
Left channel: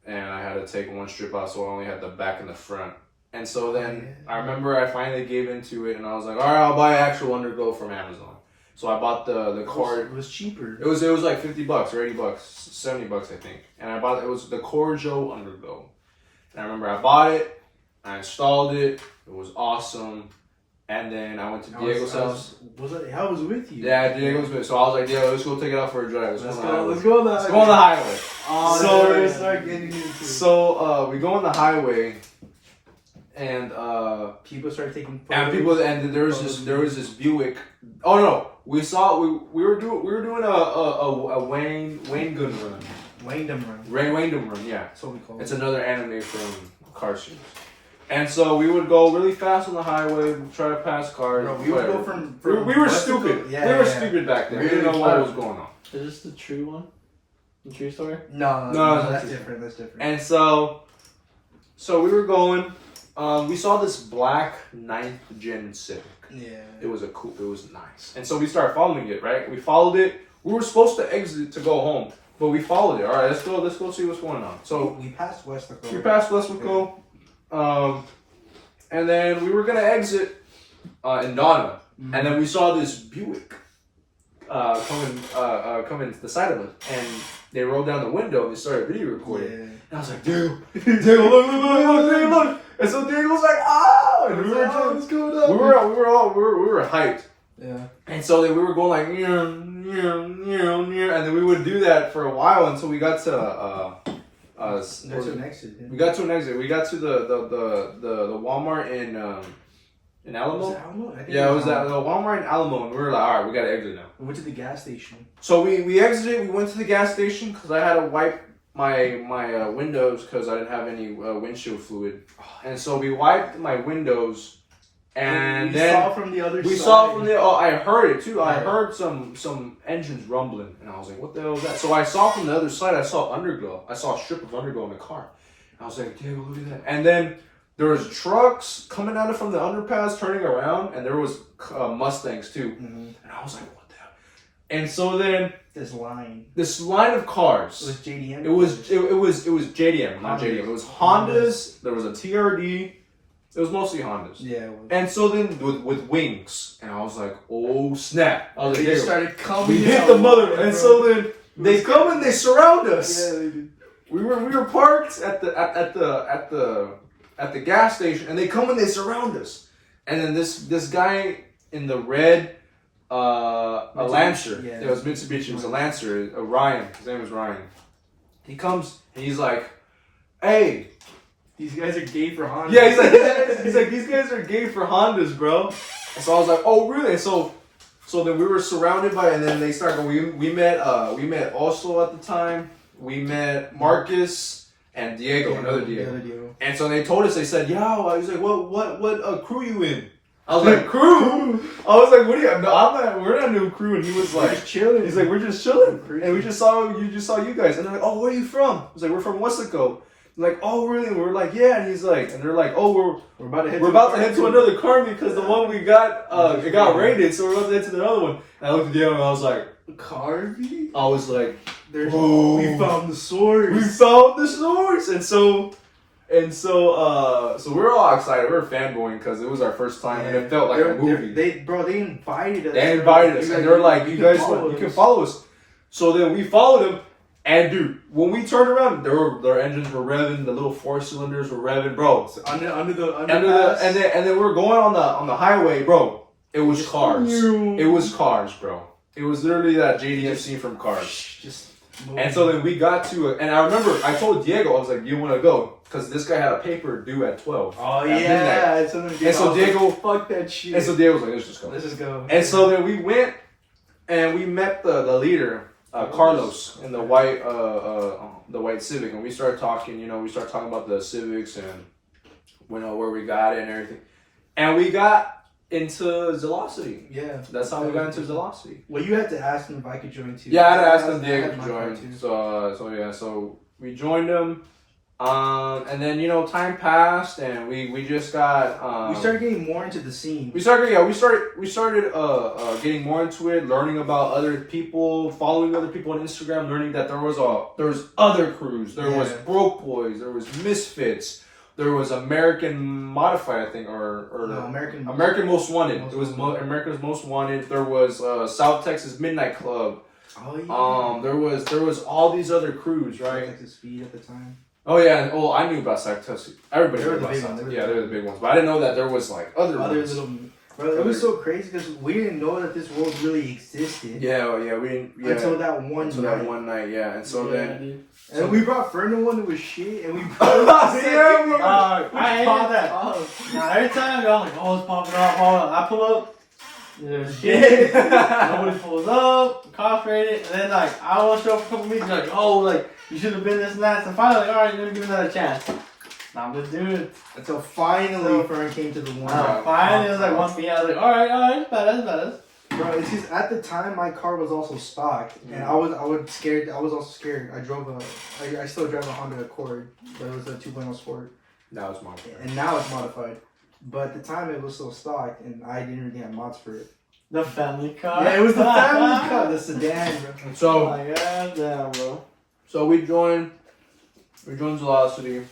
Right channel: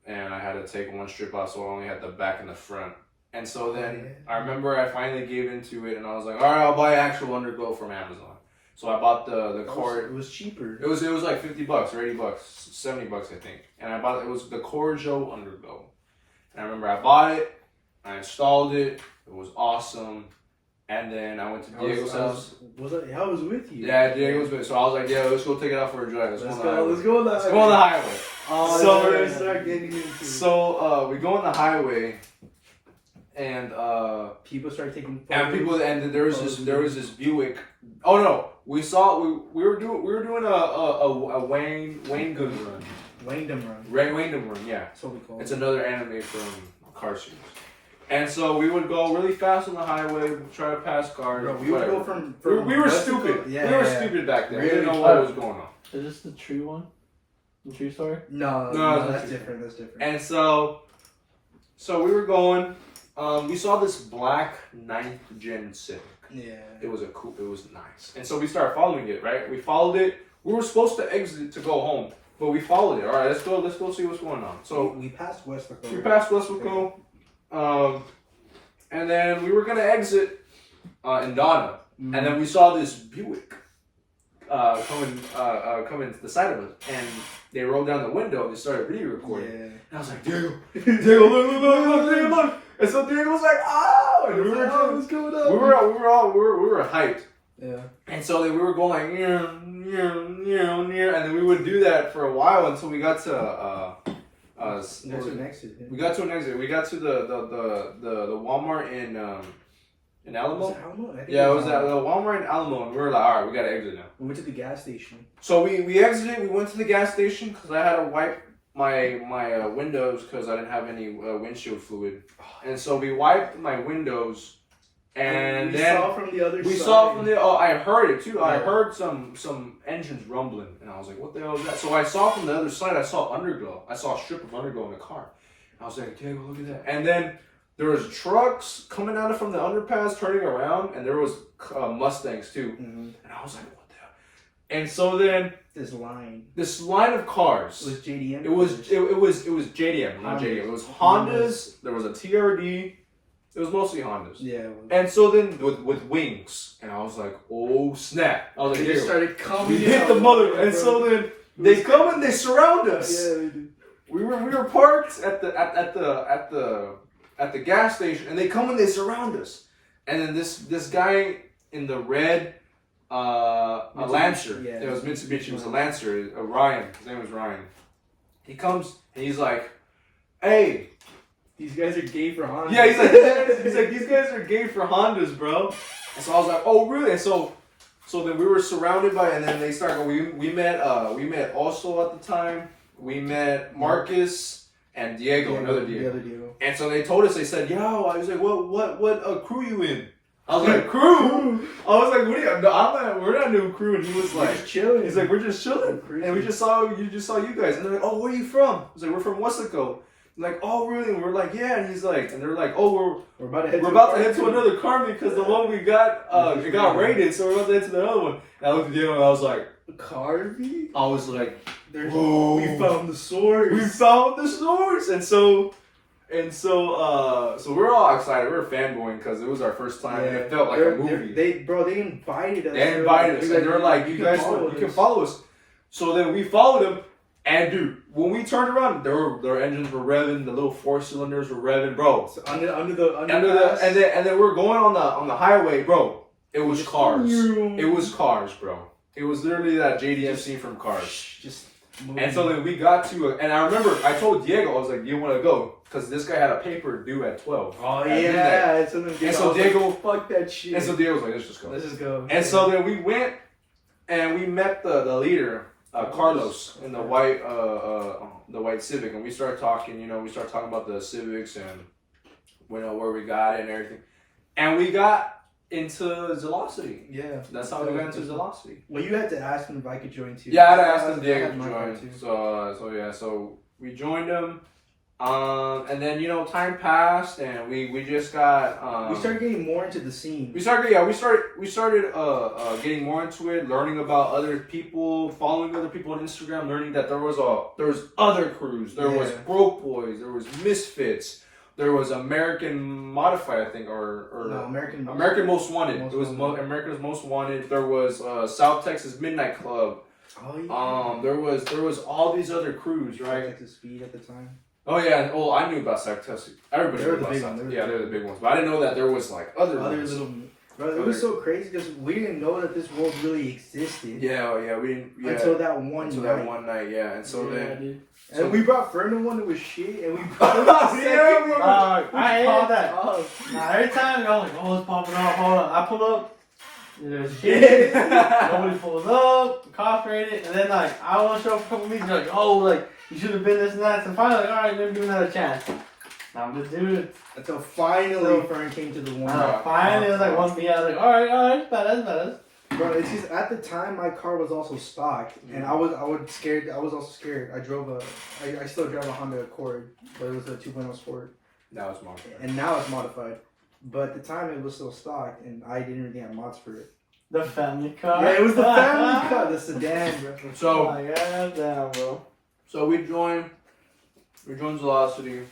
and I had to take one strip out, so I only had the back and the front. And so then I remember I finally gave into it, and I was like, all right, I'll buy actual underglow from Amazon. So I bought the cord. It was cheaper. It was like $50 or $80, $70, I think. And I bought it was the Corjo underglow. And I remember I bought it, I installed it, it was awesome. And then I went to Diego's house. I was with you. Yeah, Diego's with. So I was like, yeah, let's go take it out for a drive. Let's go on Let's go on the highway. Oh, So- we're gonna start getting into it. So we go on the highway, and people started taking there was this Buick. Oh no, we were doing a Wayne Gun run. Wayndom run. Wayndom run, yeah. That's what we call It's it. another anime from car series. And so we would go really fast on the highway, try to pass cars. Bro, we would go from we were west to stupid. yeah, we were yeah. stupid back then. Really We didn't know what was going on. Is this the true one? The true story? No, that's different. That's different. And so we were going. We saw this black 9th gen Civic. Yeah. It was nice. And so we started following it, right? We followed it. We were supposed to exit to go home, but we followed it. All right, let's go see what's going on. So we passed Westwick. We passed Westwick. And then we were gonna exit in Donna, and then we saw this Buick coming to the side of us, and they rolled down the window. They started video recording, and I was like, "Dude, look!" And so Diego was like, "Ah!" And we were what's going on? we were hyped. Yeah. And so then we were going like, and then we would do that for a while until we got to an exit. Yeah. We got to an exit. We got to the Walmart in Alamo. Was it Alamo? I think Yeah, it was at the Walmart in Alamo, and we were like, all right, we gotta exit now. We went to the gas station. So we exited. We went to the gas station because I had to wipe my windows because I didn't have any windshield fluid, and so we wiped my windows. And we then saw from the other side. we saw from the. Oh, I heard it too. I heard some engines rumbling, and I was like, "What the hell is that?" So I saw from the other side. I saw underglow. I saw a strip of underglow in the car. And I was like, "Diego, look at that!" And then there was trucks coming down from the underpass, turning around, and there was Mustangs too. Mm-hmm. And I was like, "What the hell?" And so then this line of cars. It was JDM. It was JDM, not JDM. It was Hondas. There was a TRD. It was mostly Hondas. Yeah. And so then with wings, and I was like, oh snap! I was like, they just started coming. We hit the mother, and so then they come and they surround us. Yeah, they did. We were parked at the gas station, and they come and they surround us. And then this guy in the red a Lancer. Yeah. It was Mitsubishi. It was a Lancer. Ryan. His name was Ryan. He comes and he's like, hey. These guys are gay for Honda. Yeah, he's like, these guys are gay for Hondas, bro. And so I was like, oh, really? And so then we were surrounded by, and then they started. We met Oslo at the time. We met Marcus and Diego, another Diego. And so they told us. They said, "Yo," I was like, "What crew you in?" I was like, "Crew." I was like, "What are you?" No, I'm not. We're not new crew. And he was like, just chilling. He's like, "We're just chilling." And we just saw you guys. And they're like, "Oh, where are you from?" I was like, "We're from Westwick." Like, oh really? And we're like, yeah. And he's like, and they're like, oh, we're about to head to another car because the one we got it got raided, so we're about to head to the other one. And I looked at the other one, and I was like, Carvey? I was like, we found the source. We found the source. And so we're all excited. We were fanboying because it was our first time, and it felt like a movie. They invited us. They invited us, and they're like, you guys, you can follow us. So then we followed them. And dude, when we turned around, their engines were revving, the little 4 cylinders were revving, bro. So under the and then we were going on the highway, bro. It was cars. It was cars, bro. It was literally that JDM scene from Cars. And so then we got to, and I remember I told Diego, I was like, "Do you want to go?" Because this guy had a paper due at 12. Oh yeah. And so Diego, fuck that shit. And so Diego was like, "Let's just go." Let's just go. And so then we went, and we met the leader. Carlos in the white Civic, and we started talking. We started talking about the Civics and where we got it and everything, and we got into Velocity. Yeah, that's how we got into Velocity. Well, you had to ask him if I could join too. Yeah, I had to ask him Diego to join. So we joined him. And then time passed, and we just got we started getting more into the scene. We started getting more into it, learning about other people, following other people on Instagram, learning that there was other crews, there was Broke Boys, there was Misfits, there was American Modified, I think, or no, American Most Wanted. It was America's Most Wanted. There was South Texas Midnight Club. Oh yeah. There was all these other crews, right? South Texas Speed at the time. Oh yeah, I knew about South Texas. Everybody knew about South Texas. Yeah, they were the big ones, but I didn't know that there was like other ones. Little. Bro, it was so crazy because we didn't know that this world really existed. Yeah, we didn't. Yeah, until that one night. Yeah, and so then. And we brought Fernando one that was shit, and we brought I hate that. Now every time I'm like, oh, it's popping off. Hold on. I pull up. There's shit. Nobody pulls up. Cops raided, and then like I want to show up for a couple meetings. Like, oh, like you should have been this and that. So finally, like, all right, let me give you another chance. I'm gonna do it. Until finally Fern came to the one. Finally, it was like 1 p.m. I was like, alright, badass. Bro, it's just at the time my car was also stocked, and I was scared. I was also scared. I still drive a Honda Accord, but it was a 2.0 Sport. That was modified. And now it's modified. But at the time it was still stocked, and I didn't really have mods for it. The family car. Yeah, it was the family car, the sedan, bro. And so, oh my god, damn, bro. so we joined Velocity.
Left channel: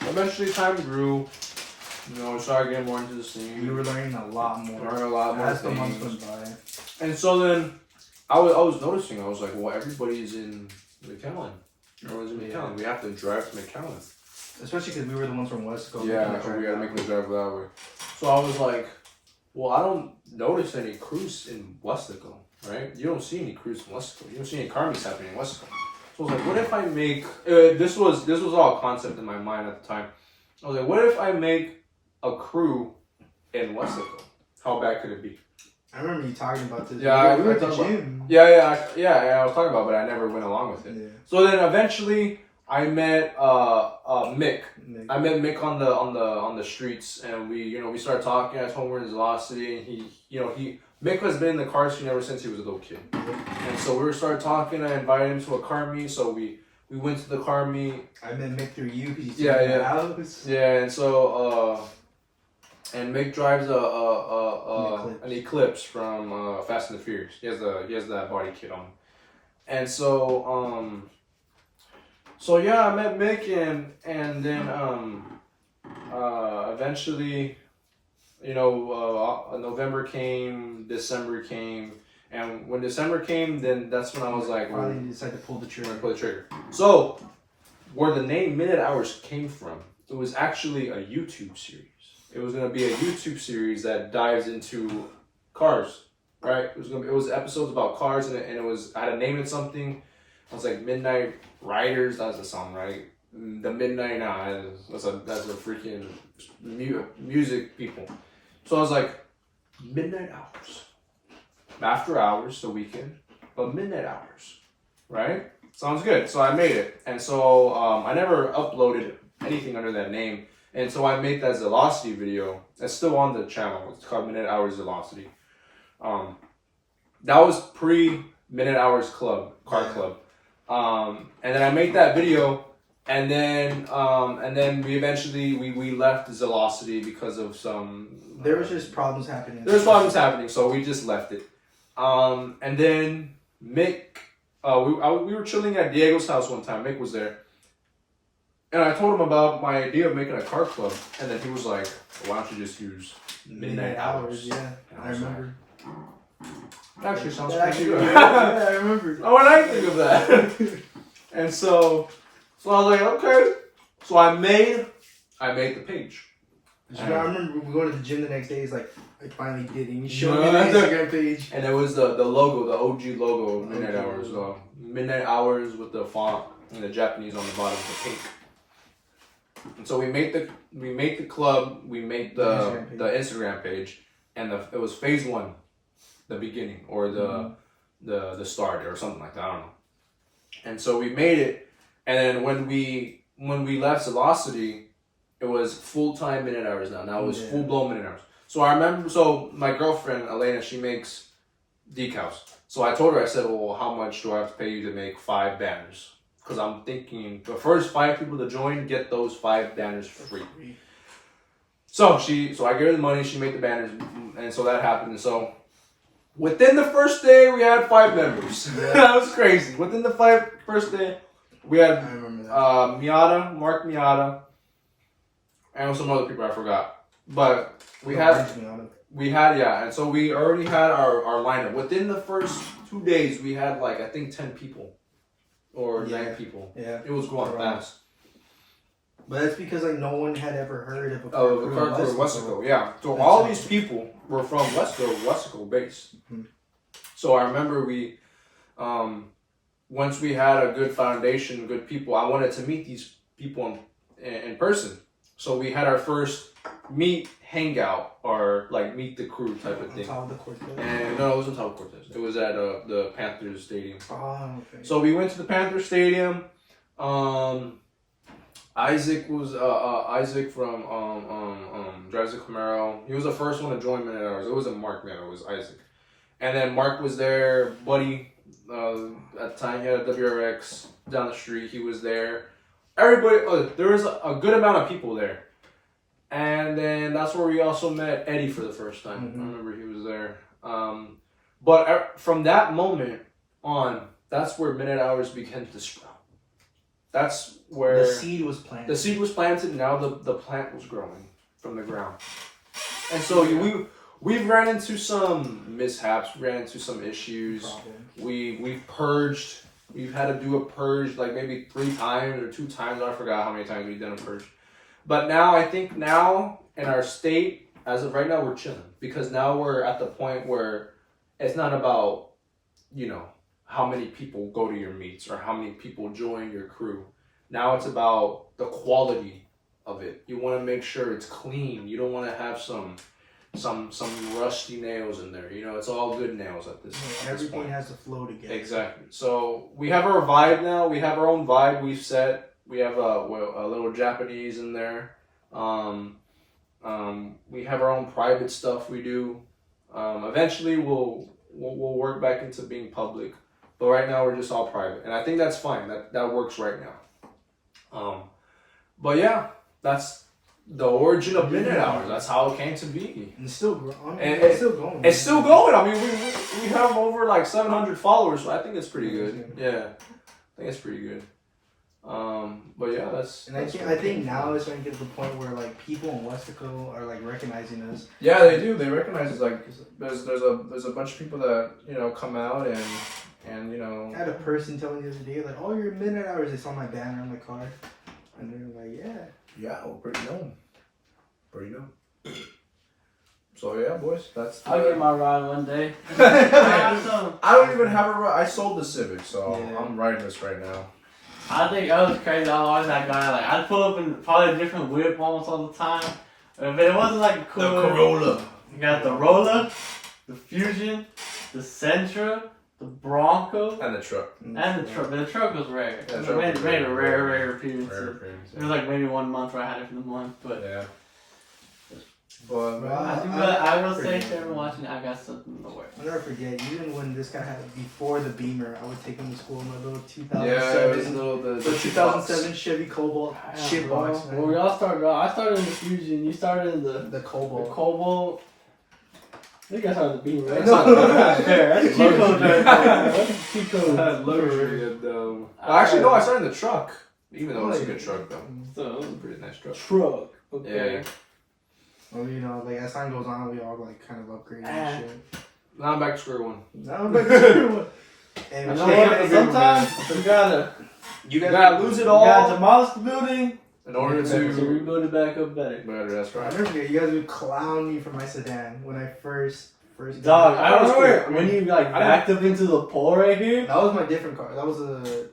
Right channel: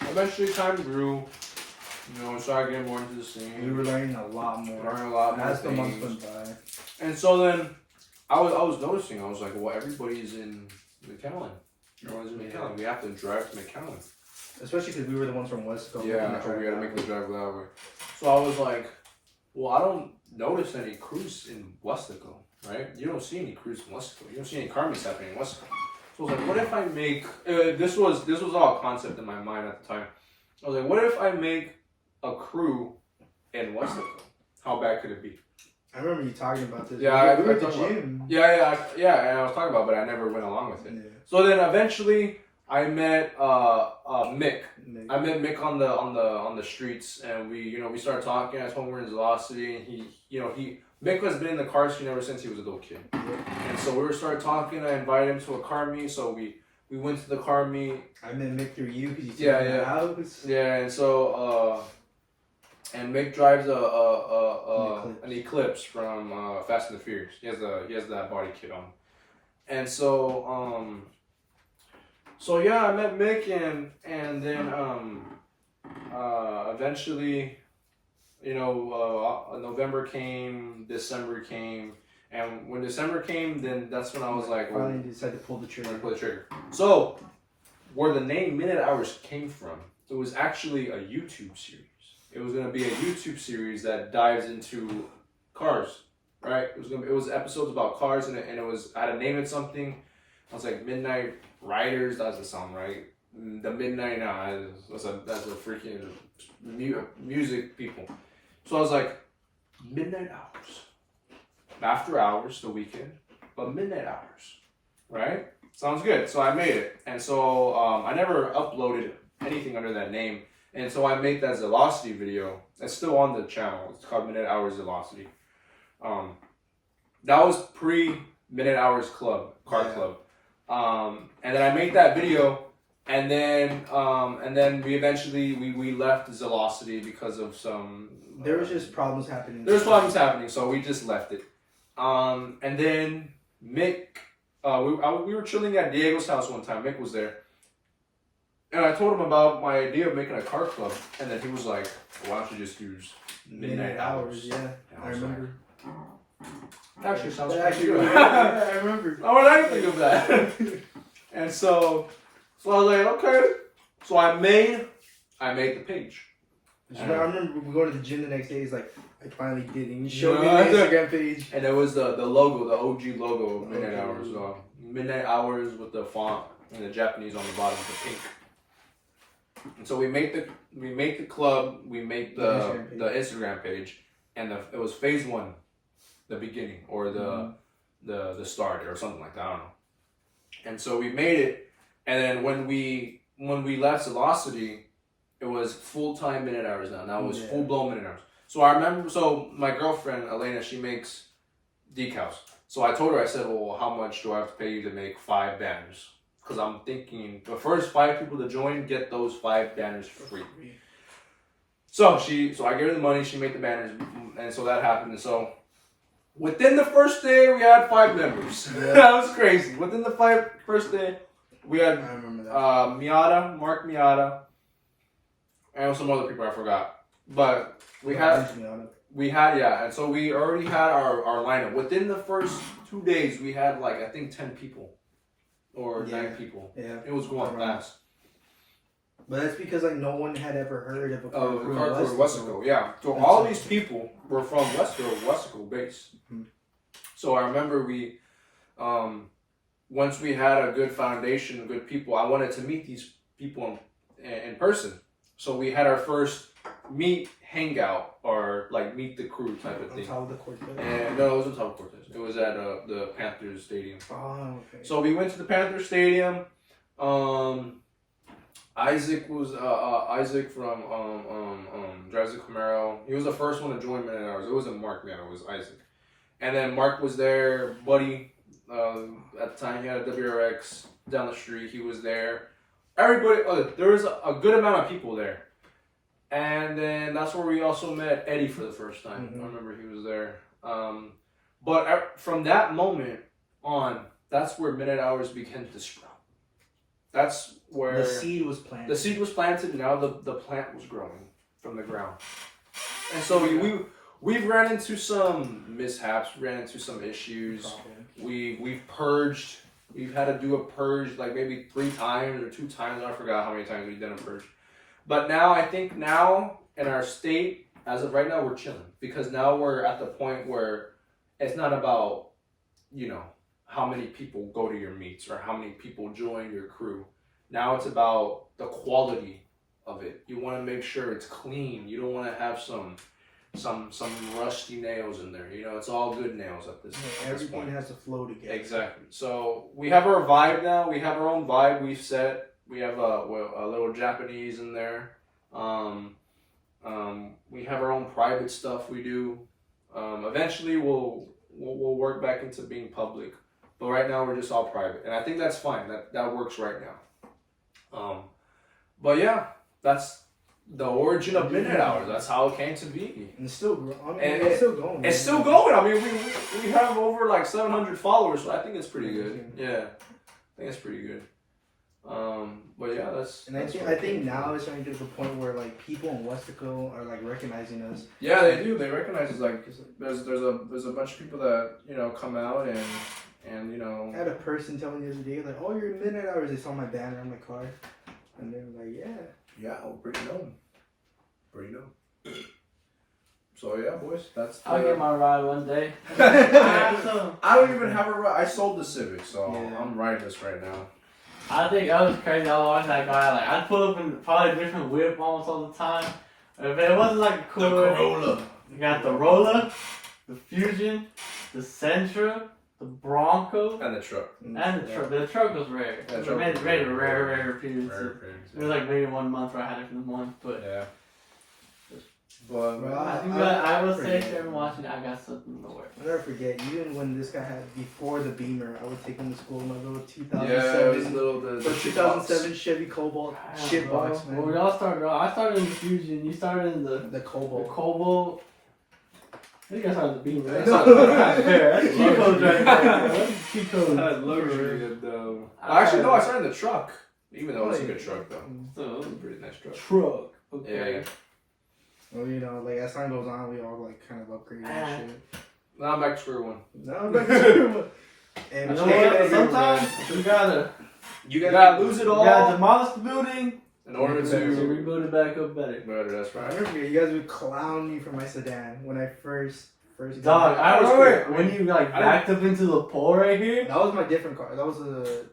Eventually time grew. You know, we started getting more into the scene. We were learning a lot more. Learning a lot more as the months things. went by. And so then, I was noticing. I was like, well, everybody's in McAllen. Everyone's in McAllen. We have to drive to McAllen. Especially because we were the ones from West Coast. Yeah, so we gotta make the drive that way. So I was like, well, I don't notice any crews in Westico, right? You don't see any crews in Westico. You don't see any car meets happening in Westico. So I was like, what if I make this was all a concept in my mind at the time. I was like, what if I make a crew in Westico? How bad could it be? I remember you talking about this. Yeah, we were I at the gym. Yeah, I was talking about it, but I never went along with it. Yeah. So then eventually I met Mick. I met Mick on the streets, and we started talking. I told him we're in Velocity, and Mick has been in the car scene ever since he was a little kid. And so we started talking. I invited him to a car meet, so we went to the car meet. I met Mick through you because you Yeah, in the house. Yeah, and so and Mick drives an Eclipse from Fast and the Furious. He has that body kit on, and so So yeah, I met Mick, and then eventually, November came, December came, and when December came, then that's when I was like, finally decided to pull the trigger. Pull the trigger. So, where the name Minute Hours came from, it was actually a YouTube series. It was gonna be a YouTube series that dives into cars, right? It was episodes about cars, and I had to name it something. I was like Midnight Riders. That doesn't sound right. The Midnight that's a freaking music people. So I was like, Midnight Hours. After hours, the weekend, but midnight hours, right? Sounds good. So I made it, and so I never uploaded anything under that name, and so I made that Velocity video. It's still on the channel. It's called Minute Hours Velocity. That was pre Minute Hours Club, Car Club. And then I made that video, and then we eventually we left Velocity because of some. There was just problems happening. There's problems happening, so we just left it. And then Mick, we were chilling at Diego's house one time. Mick was there, and I told him about my idea of making a car club, and then he was like, "Why don't you just use Midnight Hours?" Yeah, I remember. That actually sounds Yeah, pretty good. I remember. Oh, what did I think of that? And so I was like, okay. So I made the page. I remember we go to the gym the next day. He's like, I finally did it. And you showed me Yeah. the Instagram page. And it was the logo, the OG logo of Midnight Hours. Midnight Hours with the font and the Japanese on the bottom, the pink. And so we made the club. We made the Instagram page, and it was phase 1, the beginning, or the start, or something like that. I don't know. And so we made it, and then when we left Velocity, it was full-time Minute Hours now. Now it was full-blown Minute Hours. So I remember, my girlfriend, Elena, she makes decals. So I told her, I said, well, how much do I have to pay you to make 5 banners? Because I'm thinking the first 5 people to join get those 5 banners free. So I gave her the money, she made the banners, and so that happened. And so within the first day, we had 5 members. Yeah. That was crazy. Within the first day, we had Mark Miata, and some other people I forgot. But we had, and so we already had our lineup. Within the first 2 days, we had I think 10 people or 9 people. Yeah. It was going fast. But that's because no one had ever heard of a car crew in Westico. Yeah. So all these people were from Westico based. Mm-hmm. So I remember we, once we had a good foundation, good people, I wanted to meet these people in person. So we had our first meet hangout, or meet the crew type of thing. On top of the Cortez? And no, it wasn't on top of Cortez. It was at the Panthers Stadium. Oh, okay. So we went to the Panthers Stadium. Isaac was Isaac from drives a Camaro. He was the first one to join Minute Hours. It wasn't Mark, man. It was Isaac. And then Mark was there. Buddy, at the time he had a WRX down the street. He was there. Everybody. There was a good amount of people there. And then that's where we also met Eddie for the first time. Mm-hmm. I remember he was there. But from that moment on, that's where Minute Hours began to sprout. That's where the seed was planted. The seed was planted. Now the plant was growing from the ground. And so we've ran into some mishaps. We ran into some issues. We've purged. We've had to do a purge like maybe 3 times or 2 times. I forgot how many times we've done a purge. But now I think now in our state, as of right now, we're chilling because now we're at the point where it's not about, how many people go to your meets or how many people join your crew. Now it's about the quality of it. You want to make sure it's clean. You don't want to have some rusty nails in there. It's all good nails at this point. Everything has to flow together. Exactly. So we have our vibe now. We have our own vibe we've set. We have a little Japanese in there. We have our own private stuff we do. Eventually we'll work back into being public. But right now we're just all private. And I think that's fine. That works right now. But yeah, that's the origin of Minute Hours. That's how it came to be. And it's still growing. It's still going. It's still going. I mean, we have over like 700 followers, so I think it's pretty good. Yeah, I think it's pretty good. But yeah, that's. And I think now it's starting to get to the point where like people in Westico are like recognizing us. Yeah, they do. They recognize us. Like there's a bunch of people that come out and I had a person telling me the other day like, "Oh, you're Minute Hours." They saw my banner on my car, and they were like, "Yeah." Yeah, well, pretty known. So yeah, boys, that's. I'll get my ride one day. I don't even have a ride. I sold the Civic, so Yeah. I'm riding this right now. I think that was crazy. I was always that guy. Like I'd pull up in probably a different whip almost all the time. If it wasn't like a cool, The Corolla. You got the Rolla, the Fusion, the Sentra, the Bronco, And the truck. and the truck. The truck was rare. Yeah, It truck made was a rare. rare appearance. Rare It was like maybe 1 month where I had it for the month, but Yeah. But I will say to everyone watching, I got something in the works. I'll never forget, even when this guy had before the Beamer, I would take him to school in my little 2007, yeah, it was the 2007 Chevy Cobalt shit box, man. Well, we all started. I started in the Fusion. You started in the Cobalt. Cobalt. I think I started the Beamer. Right? That's That's fair. That's cheat code right there. That's cheat code. luxury. Actually, no, I started in the truck. Even though it's a good truck, though. So It's a pretty nice truck. truck. Okay. Yeah. Well, like as time goes on, we all like kind of upgrade and shit. Now I'm back to square one. No, but and You know what? Sometimes you gotta lose it all You gotta demolish the building in order to to rebuild it back up better. better. That's I right. remember you guys would clown me for my sedan when I first Dog, I remember cool. when you like backed up into the pole right here. That was my different car. That was the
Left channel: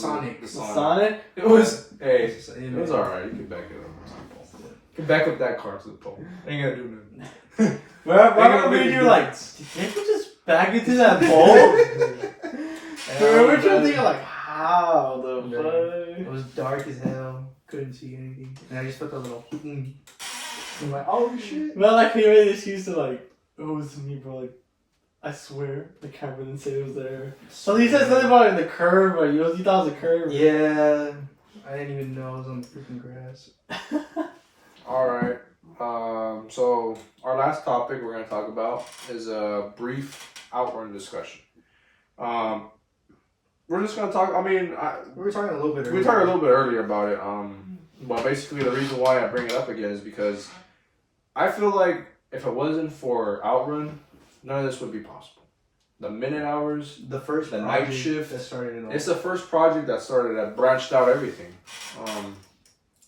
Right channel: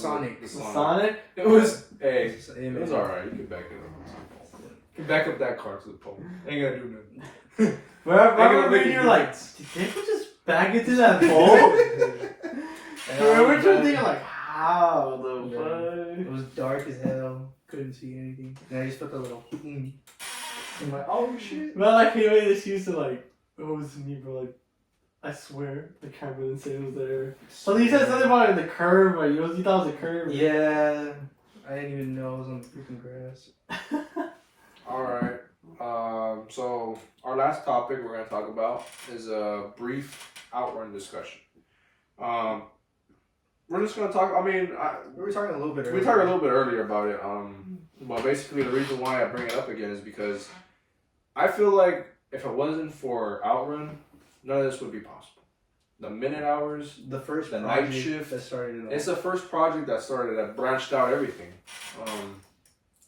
Sonic. The The Sonic. Sonic. It was. Hey, You it was alright. You can back it up. You can back up that car to the pole. Ain't gonna do nothing. But I remember you were like, did they just back into that pole? We're trying to think like, how the fuck? It was dark as hell. Couldn't see anything. And I just put the little. I'm like, oh shit. But like, he made this excuse to like, oh, it's me, bro. Like, I swear, the camera didn't say it was there. So he said something about it in the curve, or you thought it was a curve. Yeah. I didn't even know it was on the freaking grass. Alright. So our last topic we're gonna talk about is a brief outrun discussion. We're just gonna talk. I mean, We were talking a little bit earlier. we talked a little bit earlier about it. But basically the reason why I bring it up again is because I feel like if it wasn't for Outrun, none of this would be possible. The Minute Hours, The first the project night shift that started it all. it's the first project that branched out everything.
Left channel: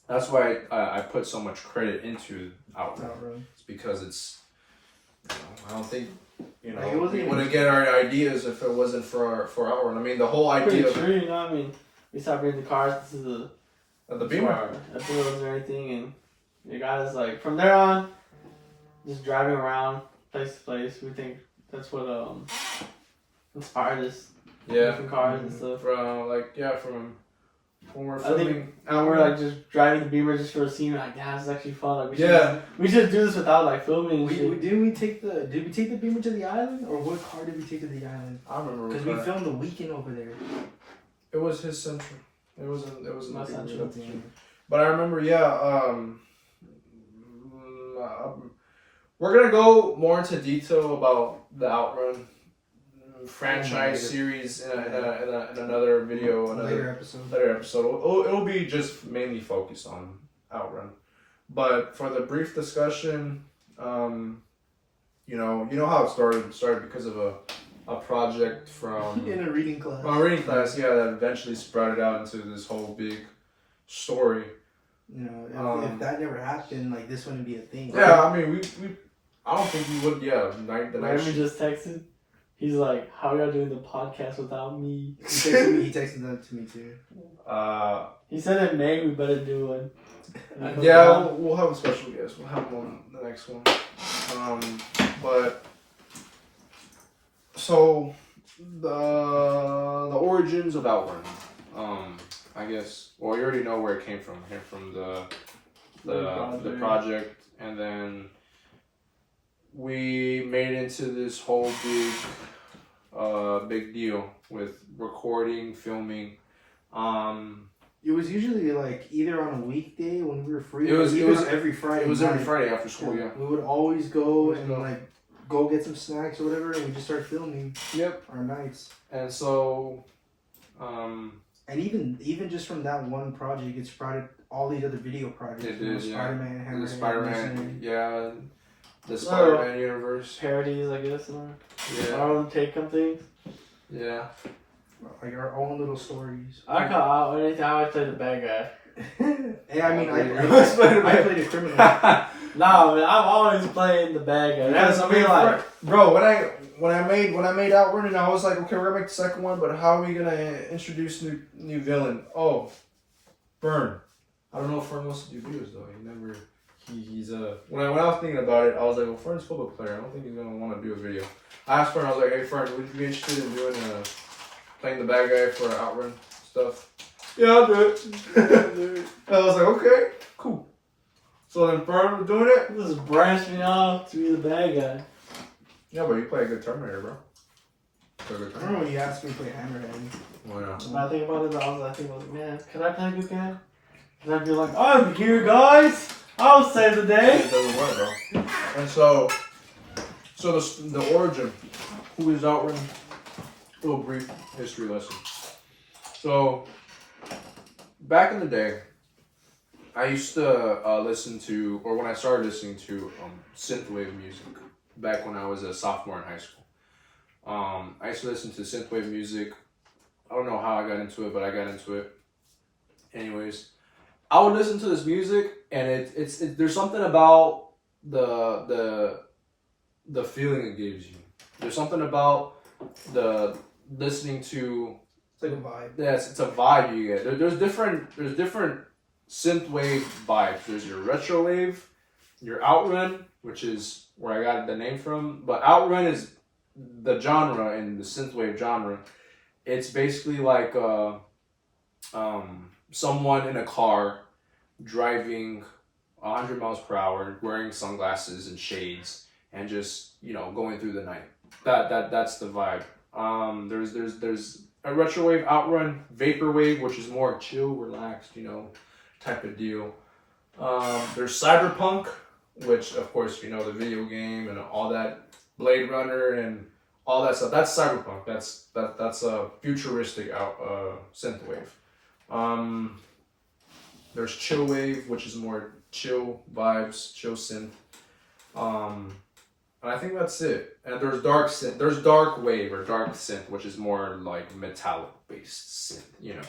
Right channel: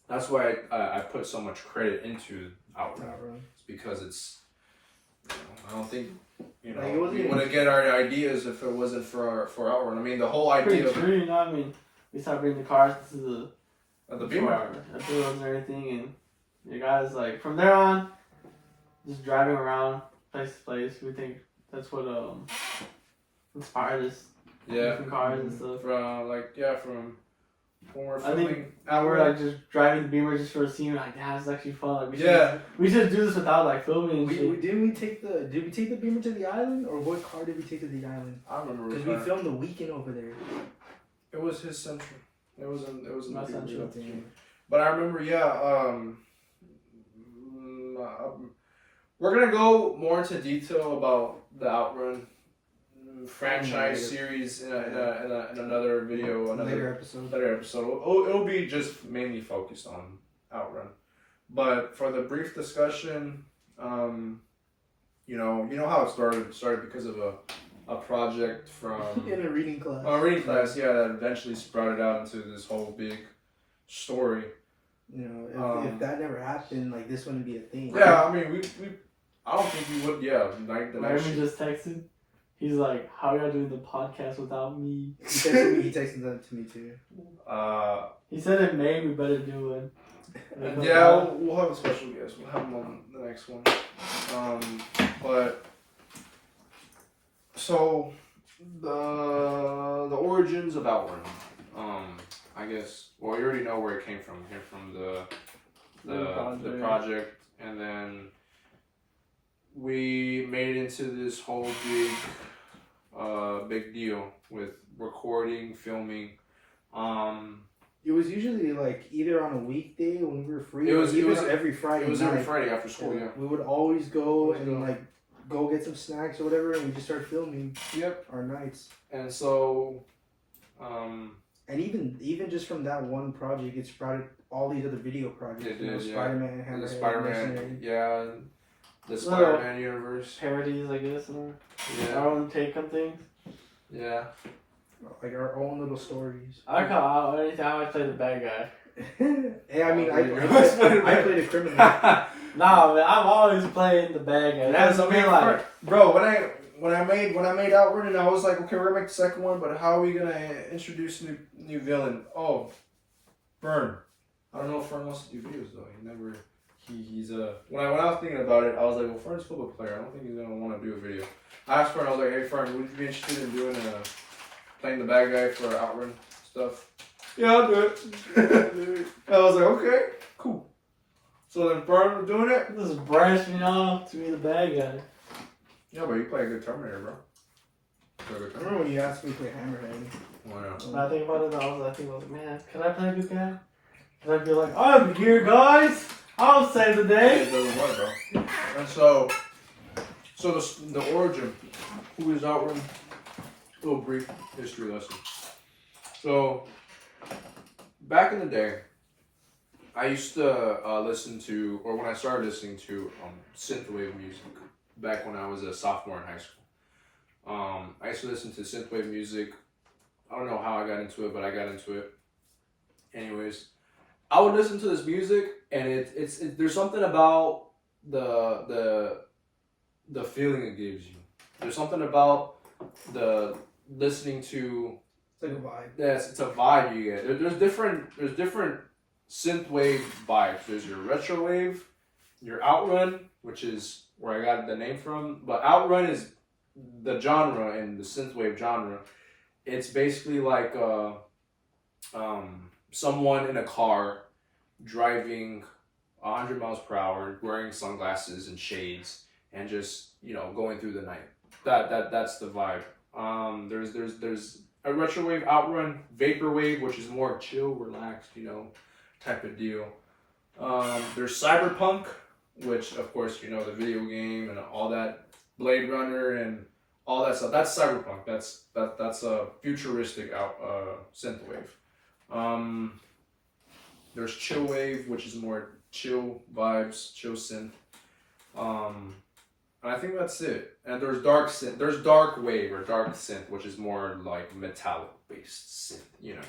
That's why I put so much credit into Outrun. Outrun. It's because it's, I don't think, Like, it wasn't we even- wouldn't get our ideas if it wasn't for Outrun. I mean, the whole Pretty idea true, you know what I mean? We stopped bringing the cars to the of the Beamer. fields and everything, and you guys, like, from there on, just driving around place to place, we think that's what inspired us. Yeah. Different cars and stuff. From when we're I think filming. and we're like just driving the Beamer just for a scene. Like, yeah, it's actually fun. Like, Yeah. we should do this without like filming. And shit. Did we take the Beamer to the island, or what car did we take to the island? I remember Because we filmed the weekend over there. It was his Central. It was in My the Central. But I remember, we're gonna go more into detail about the Outrun franchise series in another video, Later episode. It'll be just mainly focused on Outrun. But for the brief discussion, you know how it started. It started because of a project from In a reading class. a reading class, yeah, that eventually sprouted out into this whole big story. You know, if that never happened, like this wouldn't be a thing. Yeah, I mean, we I don't think we would. Yeah, the night. We just texted. He's like, "How are y'all doing the podcast without me?" He texted that to me too. He said in May we better do one. Yeah, we'll have a special guest. We'll have him on the next one. But so the origins of Outrun. I guess. Well, you already know where it came from. It came from the project, and then we made it into this whole big deal with recording, filming. It was usually like either on a weekday when we were free. It was every Friday. It was night. every Friday after school. Yeah. We would always go and go get some snacks or whatever, and we just start filming. Yep. Our nights. And so, and even just from that one project, it sprouted all these other video projects. It did, yeah. Spider-Man, Hammerhead, the Spider-Man, Mercenary. the Spider-Man universe. Parodies, I guess, or Yeah. our own take on things. Yeah. Like our own little stories. I call anytime I play the bad guy. Hey, I mean, I played a criminal. Nah, man, I'm always playing the bad guy. That's I me, mean, like, bro, when I made Outrun, and I was like, okay, we're gonna make the second one, but how are we gonna introduce new villain? Oh, Burn. I don't know if Fern wants to do videos though. He's when I was thinking about it, I was like, well, Fern's a football player. I don't think he's gonna want to do a video. I asked Fern, I was like, hey Fern, would you be interested in doing playing the bad guy for Outrun stuff? Yeah, I'll do it. I was like, okay, cool. So then Fern was doing it. this is branching off to be the bad guy. Yeah, but you play a good Terminator, bro. I remember when you asked me to play Hammerhead. Why not? When I think about it, I think about it, man, can I play a good guy? Can I be like, I'm here, guys. I'll save the day. It doesn't work, bro. And so the origin, who is Outrun? A little brief history lesson. So, back in the day, I used to listen to, or when I started listening to synthwave music, back when I was a sophomore in high school. I used to listen to synthwave music. I don't know how I got into it, but I got into it. Anyways, I would listen to this music, and it's there's something about the feeling it gives you. There's something about the listening to. It's like a vibe. Yes, it's a vibe you get. There's different synthwave vibes. There's your retro wave, your Outrun, which is where I got the name from. But Outrun is the genre in the synthwave genre. It's basically like someone in a car driving 100 miles per hour, wearing sunglasses and shades, and just going through the night. That's the vibe. There's a retrowave, Outrun, vaporwave, which is more chill, relaxed, type of deal. There's cyberpunk, which of course the video game and all that, Blade Runner and all that stuff. That's cyberpunk. That's a futuristic synthwave. There's chillwave, which is more chill vibes, chill synth. And I think that's it. And there's dark synth. There's dark wave or dark synth, which is more like metallic based synth,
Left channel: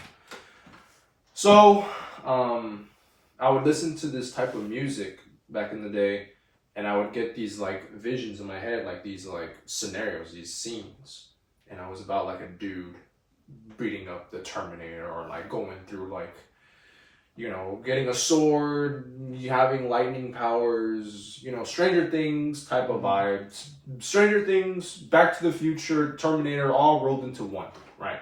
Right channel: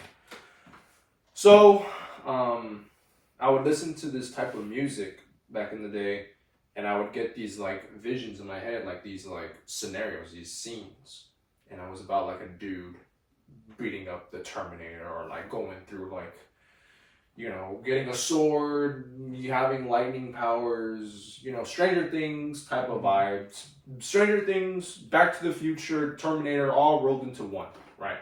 So, I would listen to this type of music back in the day, and I would get these like visions in my head, like these like scenarios, these scenes, and it was about like a dude beating up the Terminator, or like going through like, getting a sword, having lightning powers, Stranger Things type of vibes. Stranger Things, Back to the Future, Terminator, all rolled into one, right?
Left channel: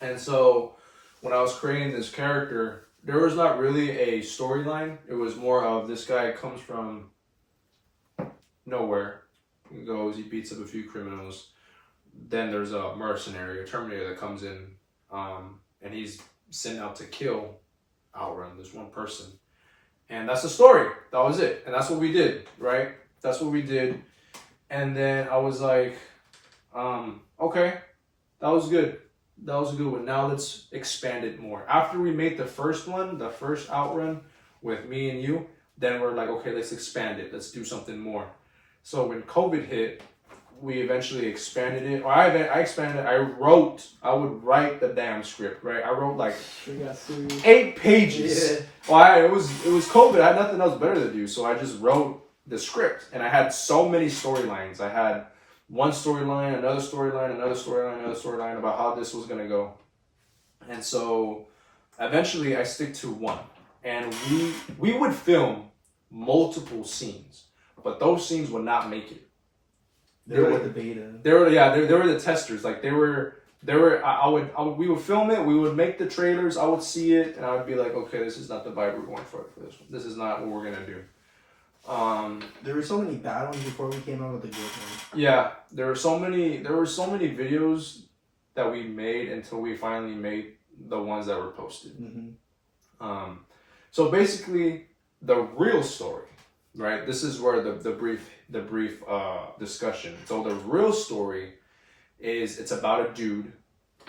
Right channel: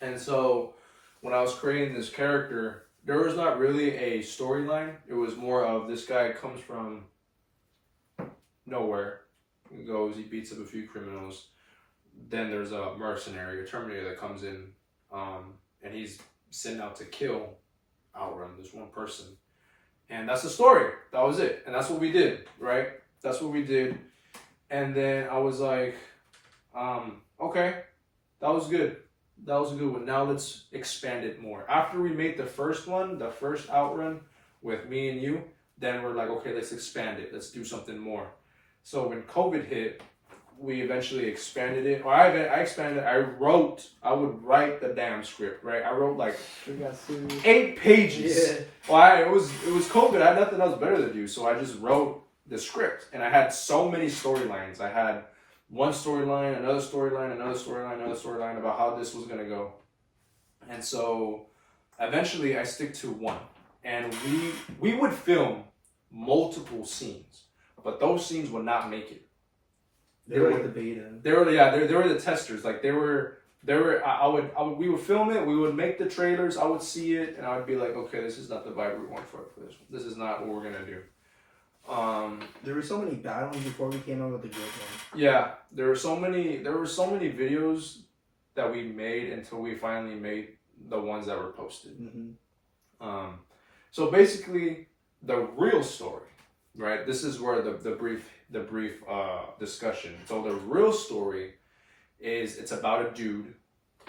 And so when I was creating this character, there was not really a storyline. It was more of this guy comes from nowhere, he goes, he beats up a few criminals. Then there's a mercenary, a Terminator that comes in, and he's sent out to kill Outrun. There's one person, and that's the story. That was it, and that's what we did, right? That's what we did, and then I was like, okay, that was good. That was a good one. Now let's expand it more. After we made the first one, the first Outrun with me and you, then we're like, okay, let's expand it. Let's do something more. So when COVID hit, we eventually expanded it. Or I expanded it. I would write the damn script, right? I wrote like 8 pages. Yeah. Well, it was COVID. I had nothing else better to do. So I just wrote the script. And I had so many storylines. I had one storyline, another storyline, another storyline, another storyline about how this was going to go. And so eventually I stick to one. And we would film multiple scenes. But those scenes would not make it. They were like the beta. They were the testers. Like we would film it, we would make the trailers, I would see it, and I would be like, okay, this is not the vibe we're going for this one. This is not what we're gonna do. There were so many bad ones before we came out with the good ones. Yeah, there were so many videos that we made until we finally made the ones that were posted. Mm-hmm. So basically the real story, right? This is where the brief discussion. So the real story is it's about a dude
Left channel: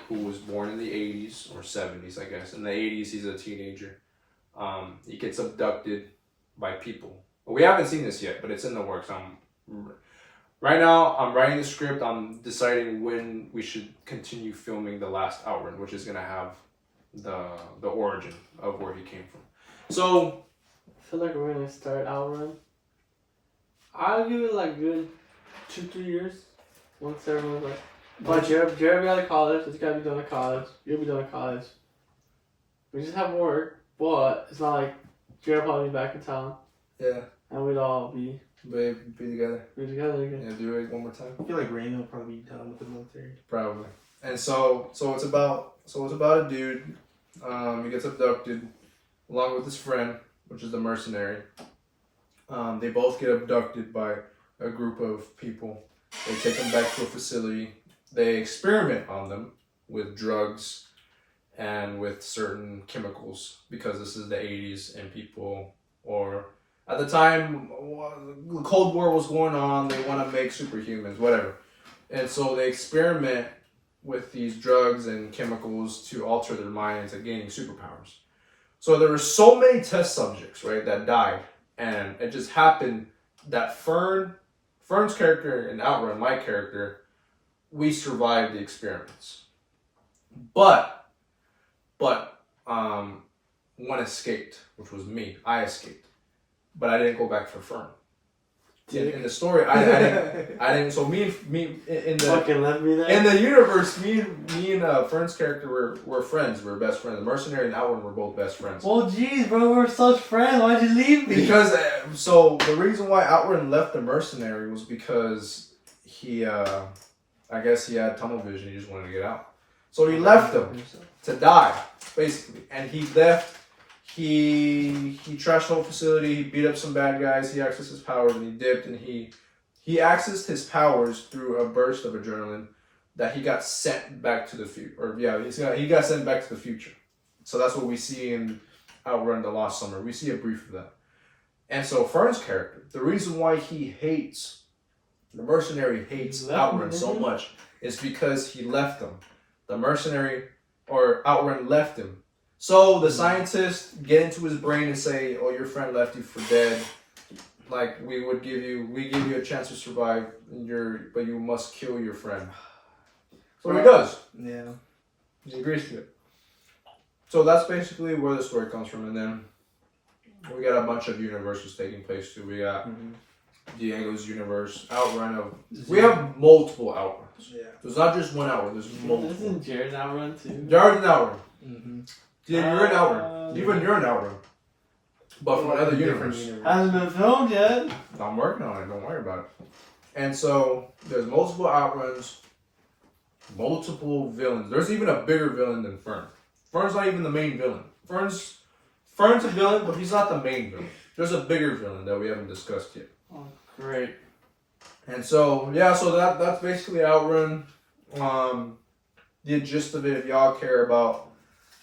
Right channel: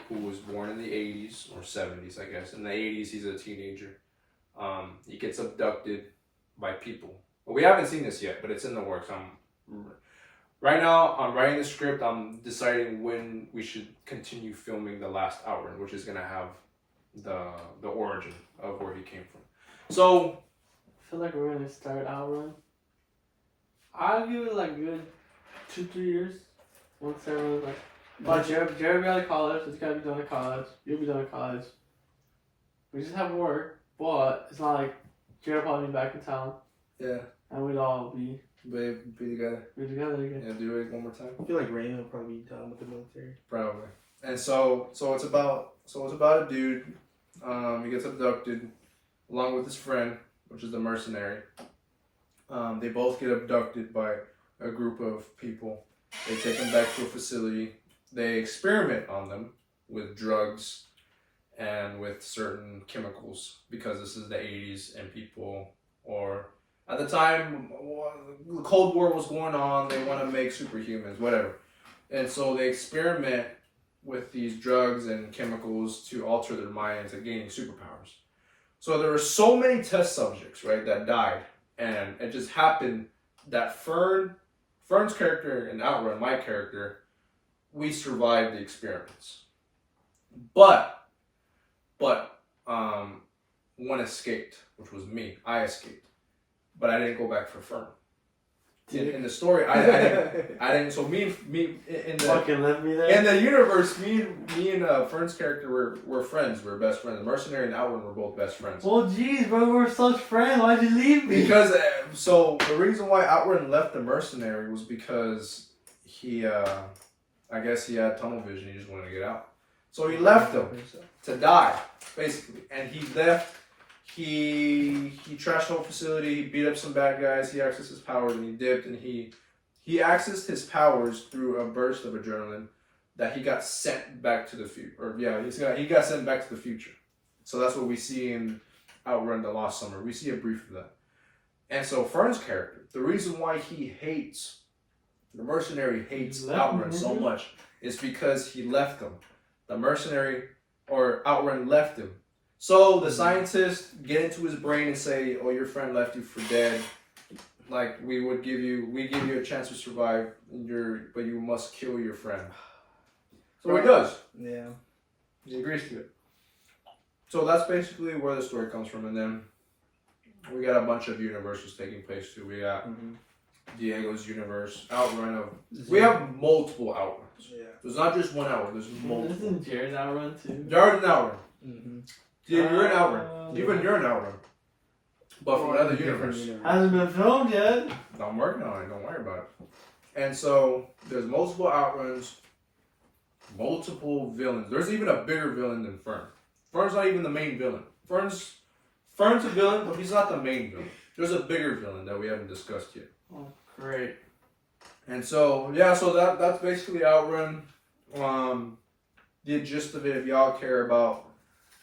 who was born in the 80s or 70s, I guess. In the 80s, he's a teenager. He gets abducted by people. Well, we haven't seen this yet, but it's in the works. Right now, I'm writing the script. I'm deciding when we should continue filming the last Outrun, which is gonna have the origin of where he came from. So I feel like we're gonna start Outrun. I'll give it like good 2-3 years. Once everyone's like, but Jared be out of college. This guy be done at college. You'll be done at college. We just have work, but it's not like Jared will probably be back in town. yeah, And we'd all be together. again. Yeah, do it one more time. I feel like Raymond will probably be done with the military. Probably. And so it's about a dude. He gets abducted along with his friend, which is the mercenary. They both get abducted by a group of people. They take them back to a facility. They experiment on them with drugs and with certain chemicals because this is the 80s and people, or at the time, the Cold War was going on. They want to make superhumans, whatever. And so they experiment with these drugs and chemicals to alter their minds and gaining superpowers. So there were so many test subjects, right, that died. And it just happened that Fern's character and Outrun, my character, we survived the experiments. But one escaped, which was me. I escaped. But I didn't go back for Fern. In the story, I didn't. So me in the Fucking left me there. in the universe, me and Fern's character were friends. We were best friends. The mercenary and Outrun were both best friends. Well, jeez, bro, we're such friends. Why'd you leave me? Because so the reason why Outrun left the mercenary was because he, I guess he had tunnel vision. He just wanted to get out. So he left him to die, basically, and he left. He trashed the whole facility. He beat up some bad guys. He accessed his powers and he dipped. And he accessed his powers through a burst of adrenaline that he got sent back to the future. Or yeah, he got sent back to the future. So that's what we see in Outrun the Lost Summer. We see a brief of that. And so Fern's character, the reason why the mercenary hates Outrun so much is because he left them. The mercenary or Outrun left him. So the scientists get into his brain and say, "Oh, your friend left you for dead. Like we give you a chance to survive, but you must kill your friend." So he does. Yeah. He agrees to it. So that's basically where the story comes from, and then we got a bunch of universes taking place too. We got Diego's universe, Outrun of. We have multiple Outruns. Yeah. There's not just one Outrun. There's multiple. Isn't Jared Outrun too? Jared's an Outrun. Mm-hmm. Yeah, you're an Outrun. Even you're an Outrun. But from another universe. Hasn't been filmed yet. I'm working on it. Don't worry about it. And so there's multiple Outruns, multiple villains. There's even a bigger villain than Fern. Fern's not even the main villain. Fern's a villain, but he's not the main villain. There's a bigger villain that we haven't discussed yet. Oh, great. And so that's basically Outrun. The gist of it, if y'all care about,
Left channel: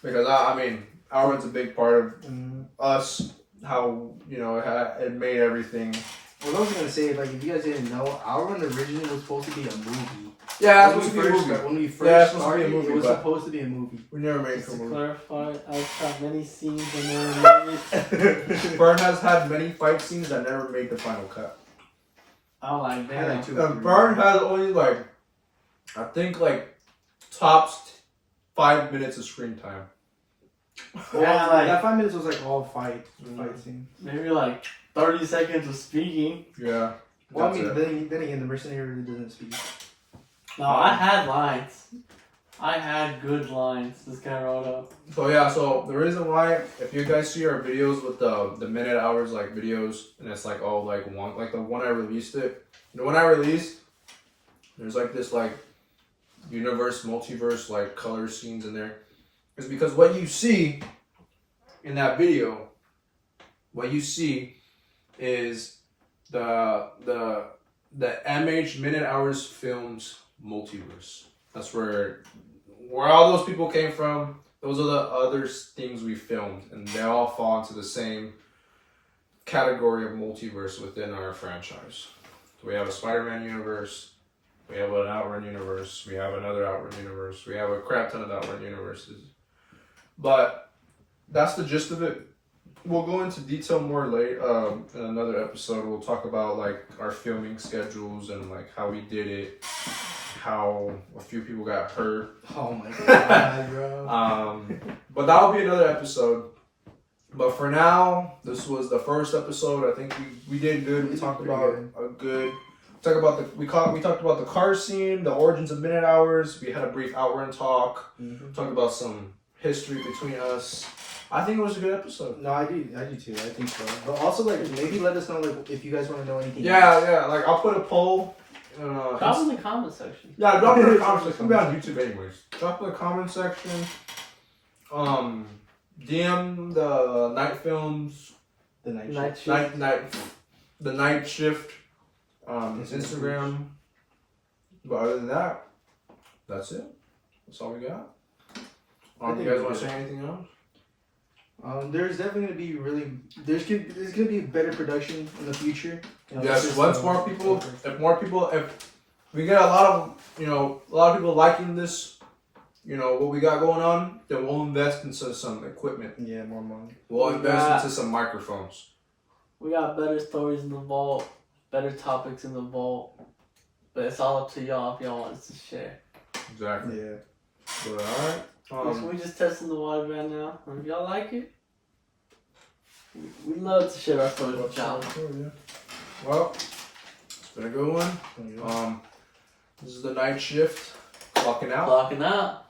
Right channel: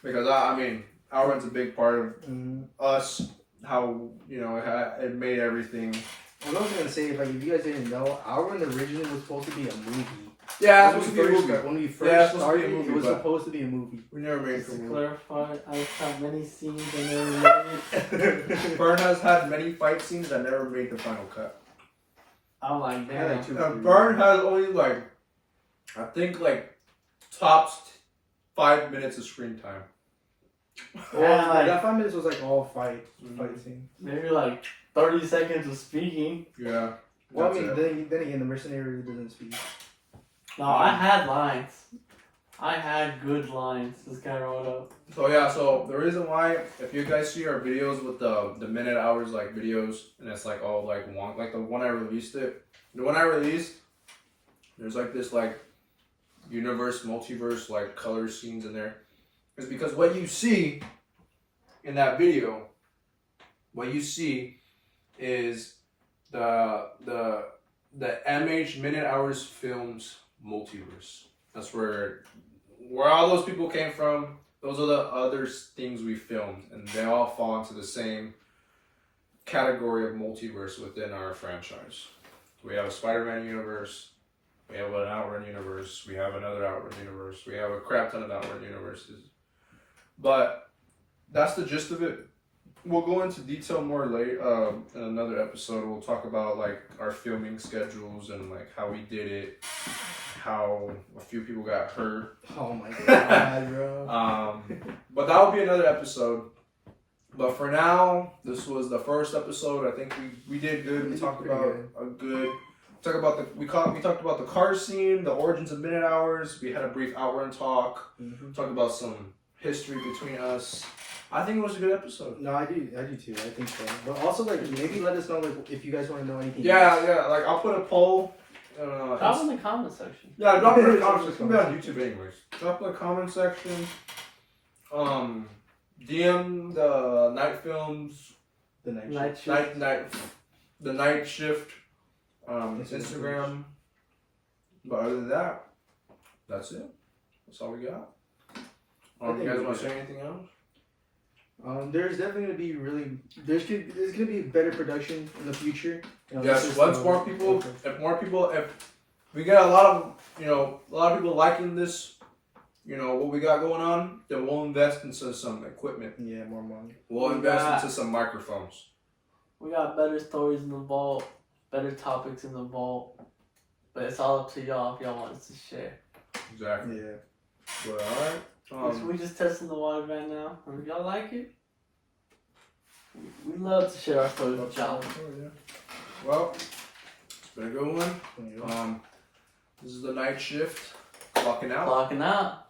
because I mean, Outrun's a big part of us. How it made everything. What I was gonna say, like, if you guys didn't know, Outrun originally was supposed to be a movie. Yeah, when we Yeah, first it's supposed to be a started, movie, it was but- supposed to be a movie. We never made it Just for a to movie. clarify, I've had many scenes and never made it. Fern has had many fight scenes that never made the final cut. I'm like, I had damn. like 2 or 3. Fern has only I think tops 5 minutes of screen time. Well, Yeah, like- that 5 minutes was like all fight scene. Maybe like 30 seconds of speaking. Yeah. Well, I that's mean, it. then again, the mercenary really doesn't speak. No, I had lines. I had good lines. This guy wrote up. So the reason why, if you guys see our videos with the minute hours videos, and it's all one, the one I released it, the one I released, there's this universe, multiverse color scenes in there, is because what you see in that video, what you see is the MH Minute Hours Films multiverse. That's where all those people came from. Those are the other things we filmed, and they all fall into the same category of multiverse within our franchise. So we have a Spider-Man universe, we have an Outrun universe, we have another Outrun universe, we have a crap ton of Outrun universes. But that's the gist of it. We'll go into detail more later in another episode. We'll talk about our filming schedules and how we did it, how a few people got hurt. Oh my god, bro. But that'll be another episode. But for now, this was the first episode. I think we did good. We talked about we talked about the car scene, the origins of Minute Hours. We had a brief Outrun talk. Talked about some history between us. I think it was a good episode. No, I do too. I think so. But also, maybe let us know if you guys want to know anything. Yeah, else. yeah. I'll put a poll. Drop in the comment section. Yeah, drop it in the comment section. We'll be on YouTube anyways. Drop in the comment section. DM the Night Films. The night Night shift. The Night Shift. Instagram. But other than that, that's it. That's all we got. You guys want to say anything else? There's definitely gonna be there's gonna be better production in the future. Yes, if we get a lot of people liking this, what we got going on, then we'll invest into some equipment. Yeah, more money. We'll invest into some microphones. We got better stories in the vault, better topics in the vault. But it's all up to y'all if y'all want us to share. Exactly. Yeah. But alright. We just testing the water right now. And if y'all like it, we love to share our stories with y'all. Well, it's been a good one. This is the Night Shift. Clocking out. Clocking out.